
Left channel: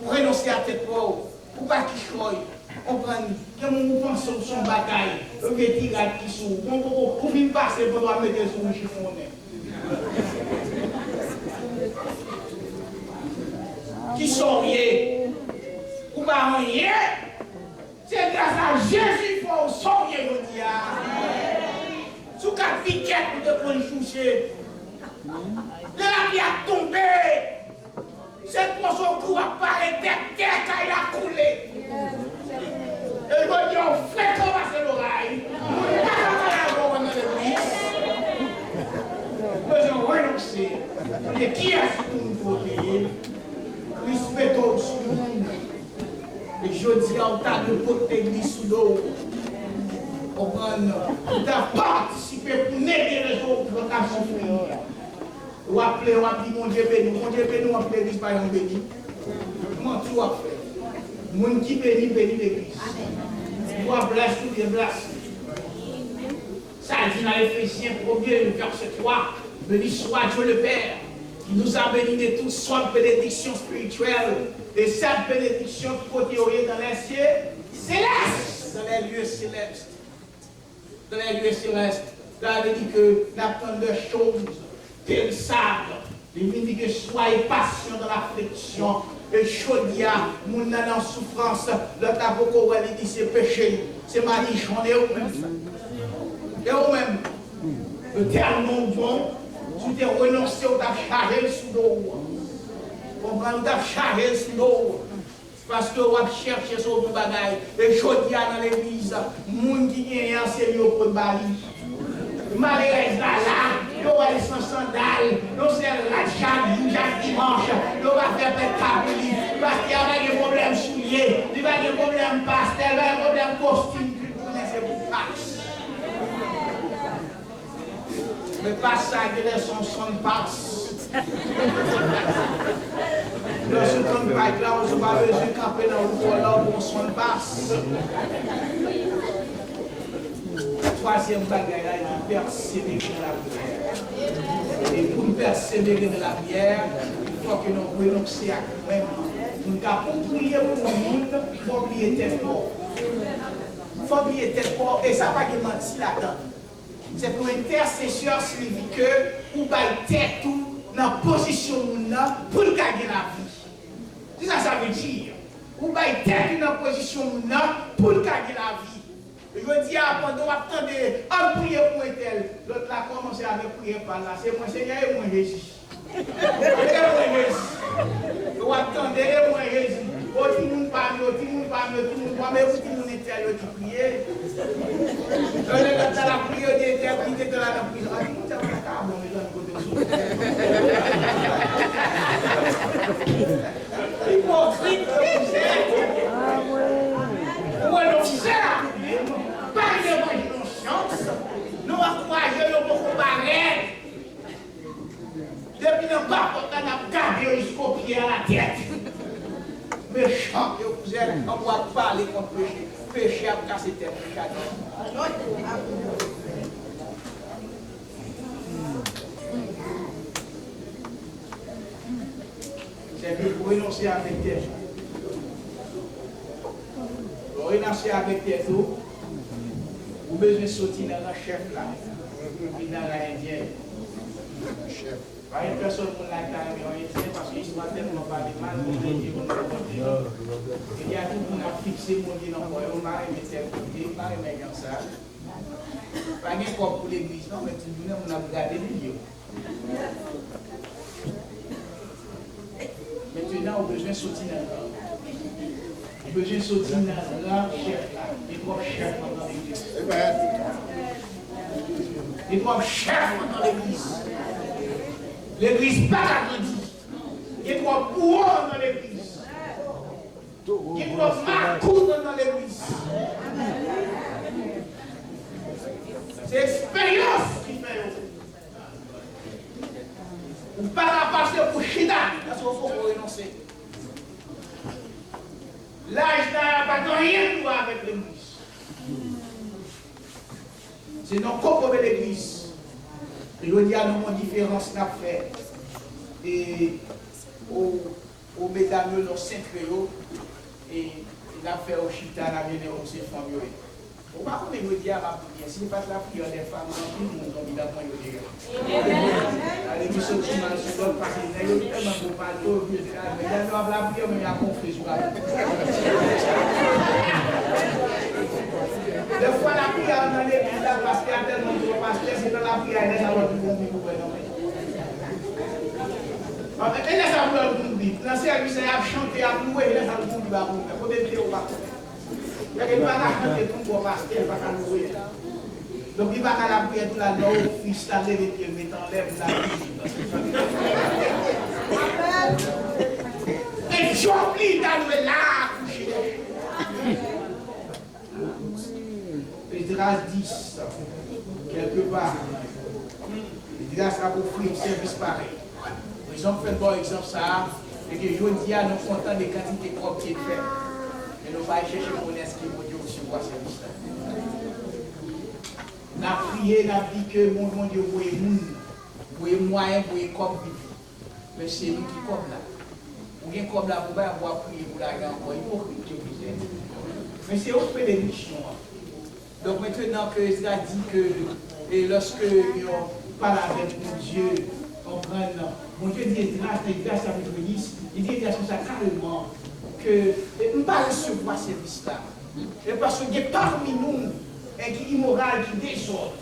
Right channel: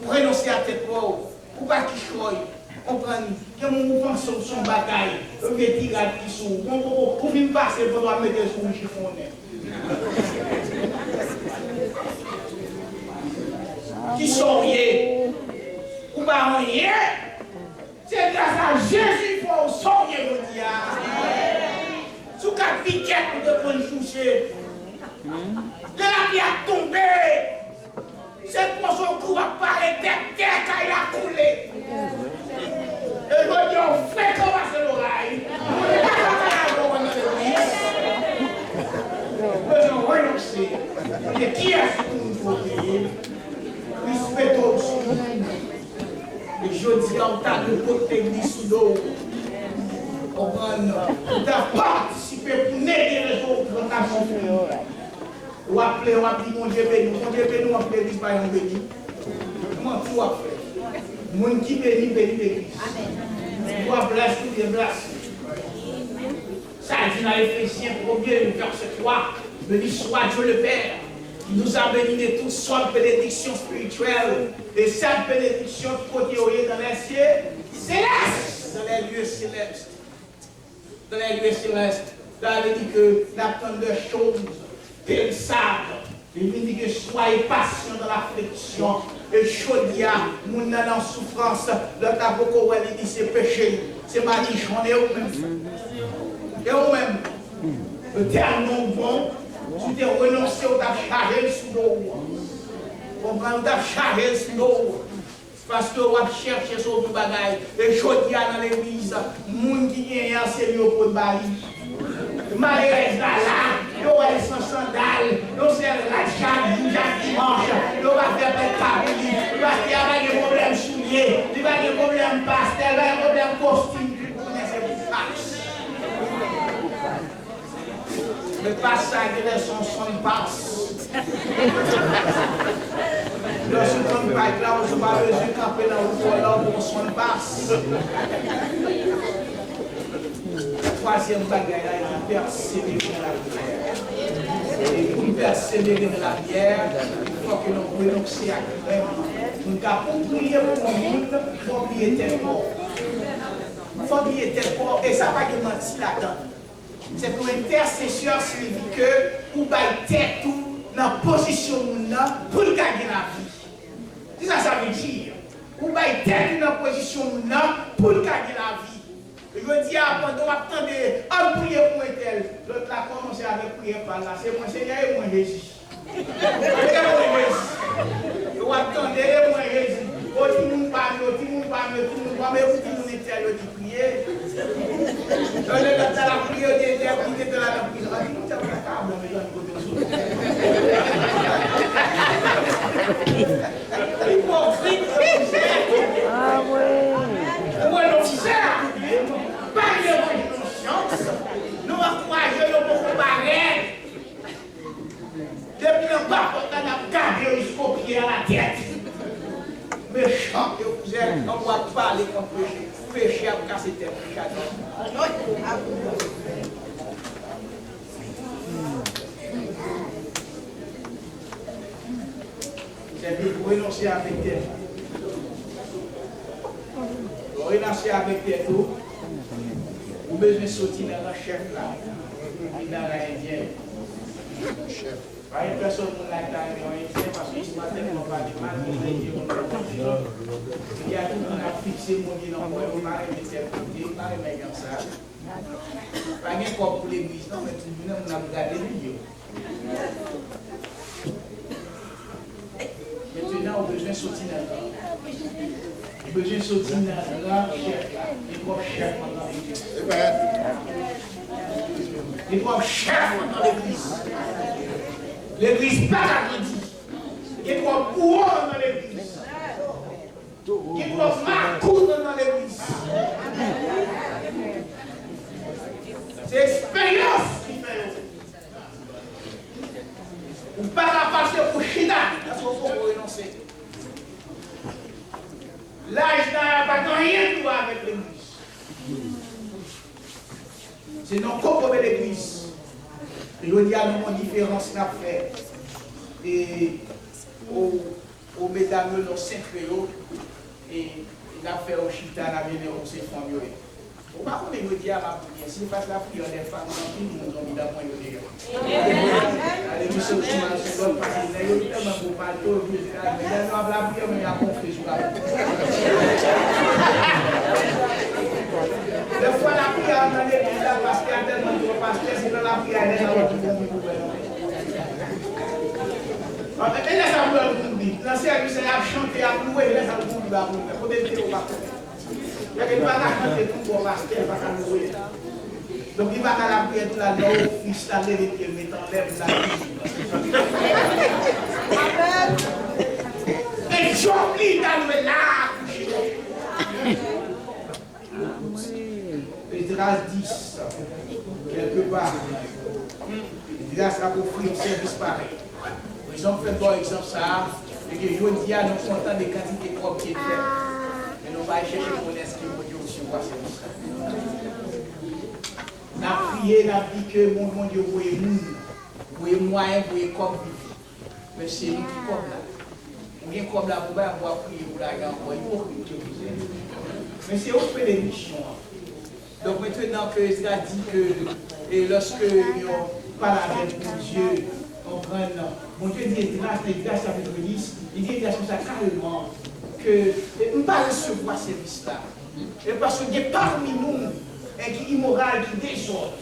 pour renoncer à tête mort. Pour pas qu'il choye. Comprendre. Quand on pense sur son bagaille, on veut dire qui sont. On vient passer pour mettre sur le chiffonnet. Qui sont rien. Ou pas rien. C'est grâce à Jésus qu'il faut sortir le diable. Sous quatre piquettes pour te prendre choucher. De la vie a tombé. Cette morceau de cou a parlé terre quand il a coulé. Et je dis, on fait comment c'est l'oreille. Nous avons renoncé. Et qui est-ce que nous protéger? Respectons aussi. Et je dis en tas de protéger sous l'eau. On a participé pour n'aider les autres dans ta souffrance. On a appelé, on a dit, mon Dieu béni, on a appelé l'église par un béni. Comment tu as fait? Mon qui béni, béni l'église. On a blessé, tout est blessé. Ça dit dans Éphésiens 1er, verset 3, béni soit Dieu le Père, Il nous a bénis de toutes sortes de bénédictions spirituelles. Et cette bénédiction qui côté dans les cieux célestes, dans les lieux célestes. Dans les lieux célestes. Là, il dit que l'attente de choses périssables. Il dit que soyez patients dans l'affliction. Et chaudia, mon nan en souffrance, le taboko, il dit c'est péché. C'est ma j'en ai au même. Et au même. Le tellement bon, tu t'es renoncé au t'a chargé sous l'eau. Comprends, t'a chargé sous l'eau. Parce que on va chercher sur le bagaille. Et chaudia dans l'église, moun qui vient c'est mieux pour le bali. Malheureuse là, yo va sans sandales, yo c'est la chaque dimanche, yo va faire des caboulis, parce qu'il y a des problèmes souliers, il va y avoir des problèmes pastel, il va y avoir des problèmes costumes, vous connaissez vous passe. Mais pas ça qui est son passe. Lorsque on va là, on va besoin de camper dans le volant pour son passe. Troisième bagaille, il persévérer dans la prière. Et pour persévérer dans la prière, il faut que nous renoncions à vraiment. Nous devons prier pour le monde, il faut prier tel corps. Il faut prier tel corps, et ça ne va pas mentir là-dedans. C'est pour intercession signifie que vous baillez tête tout dans la position pour gagner la vie. C'est ça que ça veut dire. Vous baillez tête dans la position pour gagner la vie. Je dis à pendant attendre, on prie pour un tel. L'autre là commencé avec prier par là. C'est moi Seigneur et moi Jésus. Vous attendez et moi Jésus. Oh, tout le monde parle, tout le monde parle, tout le monde parle, mais vous tout le monde est tel, vous priez. Dans la prière, vous êtes interprété de la prière. Ah, vous avez la carte, mais dans le côté de hypocrite, ah ouais. Ouais, non, c'est ça. Pas de conscience, nous encourageons pour comparer. Depuis le bas, on a gardé jusqu'au pied à la tête. Méchant que vous êtes, on doit parler contre péché. Péché à casser tête. C'est pour renoncer avec tête. Pour renoncer avec tête. Vous avez besoin de sortir dans le chef là, dans l'Indien. Pas une personne qui l'a dit, parce qu'il ne m'a tellement pas de mal, il y a tout le monde a fixé mon Dieu dans le monde, on m'a remis tel côté, on m'a remis comme ça. Pas un corps pour l'église, non, mais tout le monde a regardé les vidéos. Maintenant, on a besoin de sortir dans le il a besoin de sortir dans le chef là, il doit chef dans l'église. Il doit chef dans l'église. L'église pas agrandie. Il doit pouvoir dans l'église. Il doit marquer dans l'église. C'est l'expérience qui fait. Vous ne pouvez pas passer pour Chida, parce qu'il faut renoncer. L'âge n'a pas rien à voir avec l'église. C'est non comme l'église. Je dis à nous, une différence n'a fait. Et aux mesdames, nos cinq créoles, et il a fait au chita, la bien au ses femmes. Au pas qu'on est dit à ma prière, si pas la prière des femmes, tout le monde a envie d'apprendre le dégât. Allez, nous sommes tous dans ce don, parce que nous sommes tellement beaux bateaux, mais il y a la prière, mais il y a conflit sur la des fois, la prière dans l'église, parce qu'il y a tellement de pasteurs, c'est dans la prière, il y a l'autre qui vont gouverner. Et là, ça vous dit, dans le service, il y a chanté, à louer, il y a vous dit, il faut des théos. Il y a quelqu'un qui va chanter tout pour pasteur, il va louer. Donc, il va la prière tout là, non, fils, la vérité, mais t'enlèves la vie. Et j'oublie d'aller là, coucher. Esdras 10, quelque part, Esdras a offert un service pareil. Ils ont fait un bon exemple ça, et que je dis à nous contents des quantités propres qui est fait. Mais nous allons chercher pour l'inscrire pour Dieu aussi voir service. Nous avons prié, nous avons dit que mon Dieu, vous voyez moyen, vous voyez comme vivre. Mais c'est nous qui comme là. On vient comme là pour avoir prié pour la gamme, pour hypocrite que vous êtes. Mais c'est au fait des missions. Donc maintenant que Ezra dit que et lorsque on parle avec mon Dieu, on prend, mon Dieu dit Ezra, chapitre 10, il dit Ezra ça carrément que on ne pas recevoir ce service-là. Et parce qu'il y a parmi nous qui est immoral, qui désordre.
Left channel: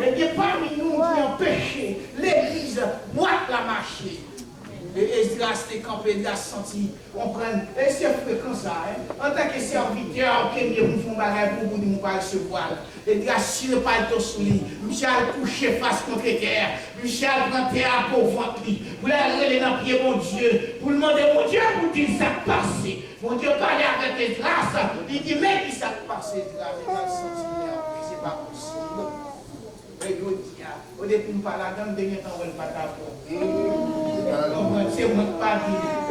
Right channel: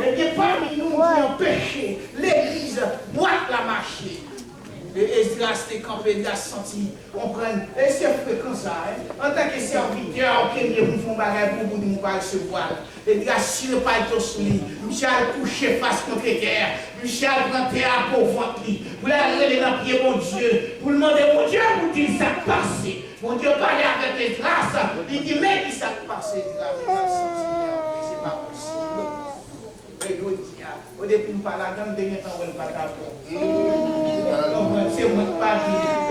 Et il y a parmi nous qui ont péché. L'église boite la marché. Et Esdras s'est campé, il a senti, on prend, et c'est fréquent ça, en tant que serviteur, ok, nous faisons bagage pour vous, nous pas recevoir. Esdras, si le palto sous lui, Michel couché face contre terre, Michel prend terre pour ventre, vous l'avez relé dans le pied, mon Dieu, pour demander, mon Dieu, vous dites ça passé. Mon Dieu parlait avec Esdras, il dit, mais qui ça passé, Esdras, il a senti, c'est pas possible. Et il dit, au début, nous parlons, dans le dernier temps, on ne parle pas. C'est moi qui parle.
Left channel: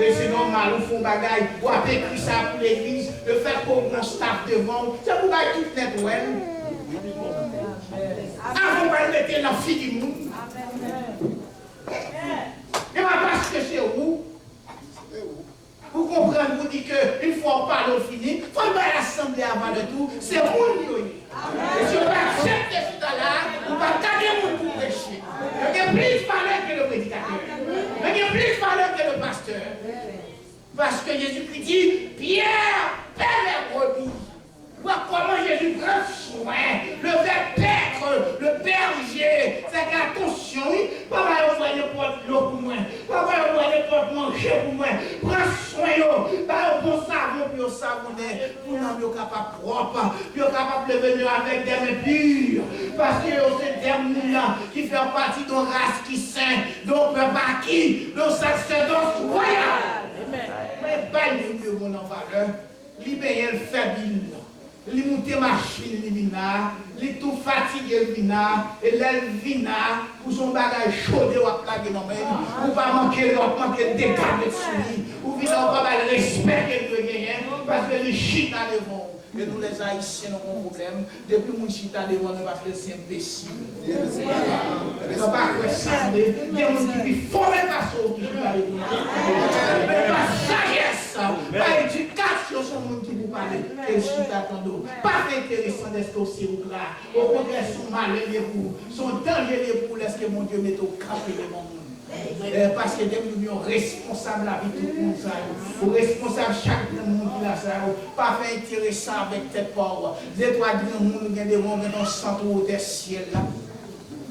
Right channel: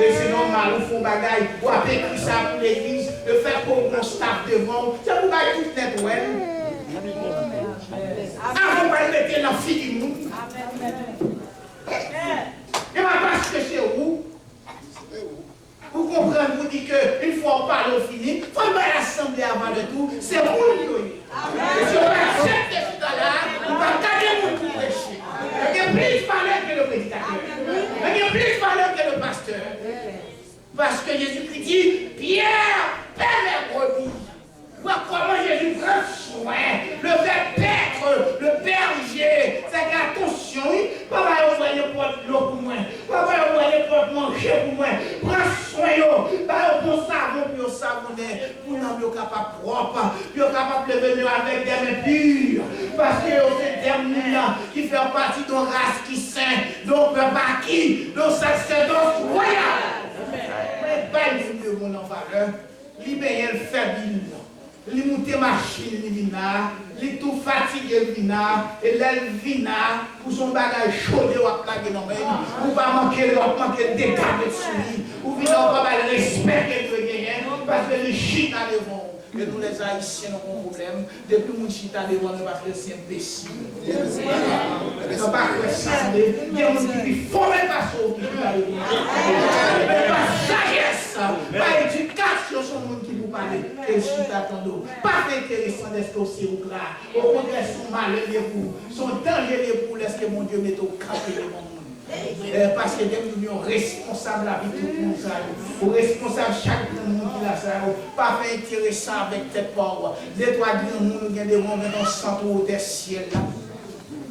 Et c'est normal, on fait un bagage, on a écrit ça pour l'église, de faire comme un staff devant. C'est pour bailler tout net, ouais. Avant de mettre la fille du monde. Et ma parce que c'est où? Vous comprenez, vous dites qu'une fois on parle au fini, il faut faire l'assemblée avant de tout, c'est vous qui et si on accepte ce là on va garder mon pour prêcher. Il y a plus de valeur que le prédicateur. Il y a plus de valeur que le pasteur. Parce que Jésus-Christ dit, Pierre, paie mes brebis. Voir comment Jésus prend soin. Le verbe paître, le berger, c'est attention, oui. Papa, on va les portes l'eau pour moi. Papa, on va les portes manger pour moi. Prends soin, yo. Bah, on prend savon, puis on savonner. Pour nous, capable propre. Puis on capable de venir avec des mains pures. Parce que c'est des gens qui font partie d'une race qui saint, d'un peuple acquis, d'un sacerdoce royal. Mais pas une de mon en valeur. Libérer le faible. Les monter machine les vina, les tout fatigué le vina, et l'elle vina pour son bagage chaud de la plague non mais ou pas manquer l'autre manquer des gardes de souris ou vina pas le respect que tu gagner parce que les chita devant et nous les haïtiens n'ont pas problème depuis mon chita devant ne pas faire c'est imbécile non pas que ça il y a des gens qui font même pas ça qui chita devant mais pas sagesse pas éducation sur monde qui vous parle et chita tando pas intéressant d'être aussi ou là au contraire son malheur pour son danger pour laisser mon Dieu mettre au camp de mon monde. Parce que nous sommes responsables à vie tout le monde, ou responsables chaque monde qui a ça, pas fait intéressant avec cette pauvre. Les trois grands mondes qui ont des mondes dans le centre des ciels là.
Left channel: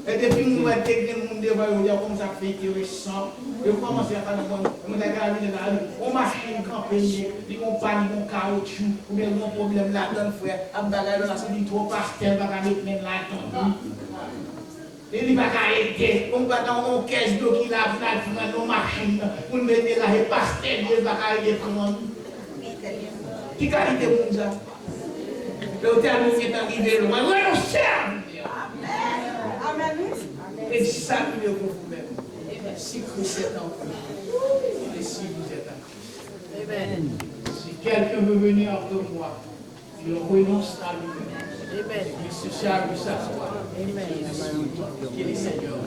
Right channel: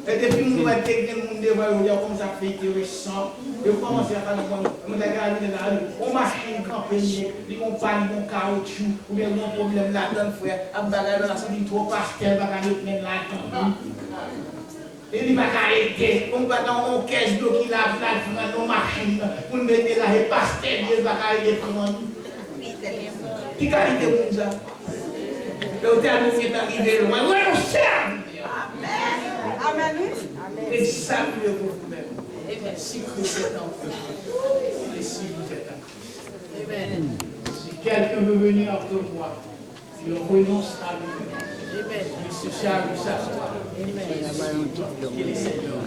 Et depuis que nous avons intégré le monde devant nous, comme ça fait intéressant. Et vous commencez à faire le monde, on marche une campagne, on parle de caoutchouc, ou bien un problème là-dedans, frère, on va regarder dans la salle, trop pastel, on va regarder là-dedans. Et il va arrêter, on va dans une caisse d'eau qui lave là, dans nos machines, pour nous mettre là, et pastel, il va arrêter prendre. Qui qualité pour ça? Le terme est arrivé loin, on serve. Amen. Examinez vous-même. Si Christ est en vous, et si vous êtes en Christ. Amen. Si quelqu'un veut venir après moi, il renonce à lui. Il se charge de s'asseoir. Qu'il est Seigneur.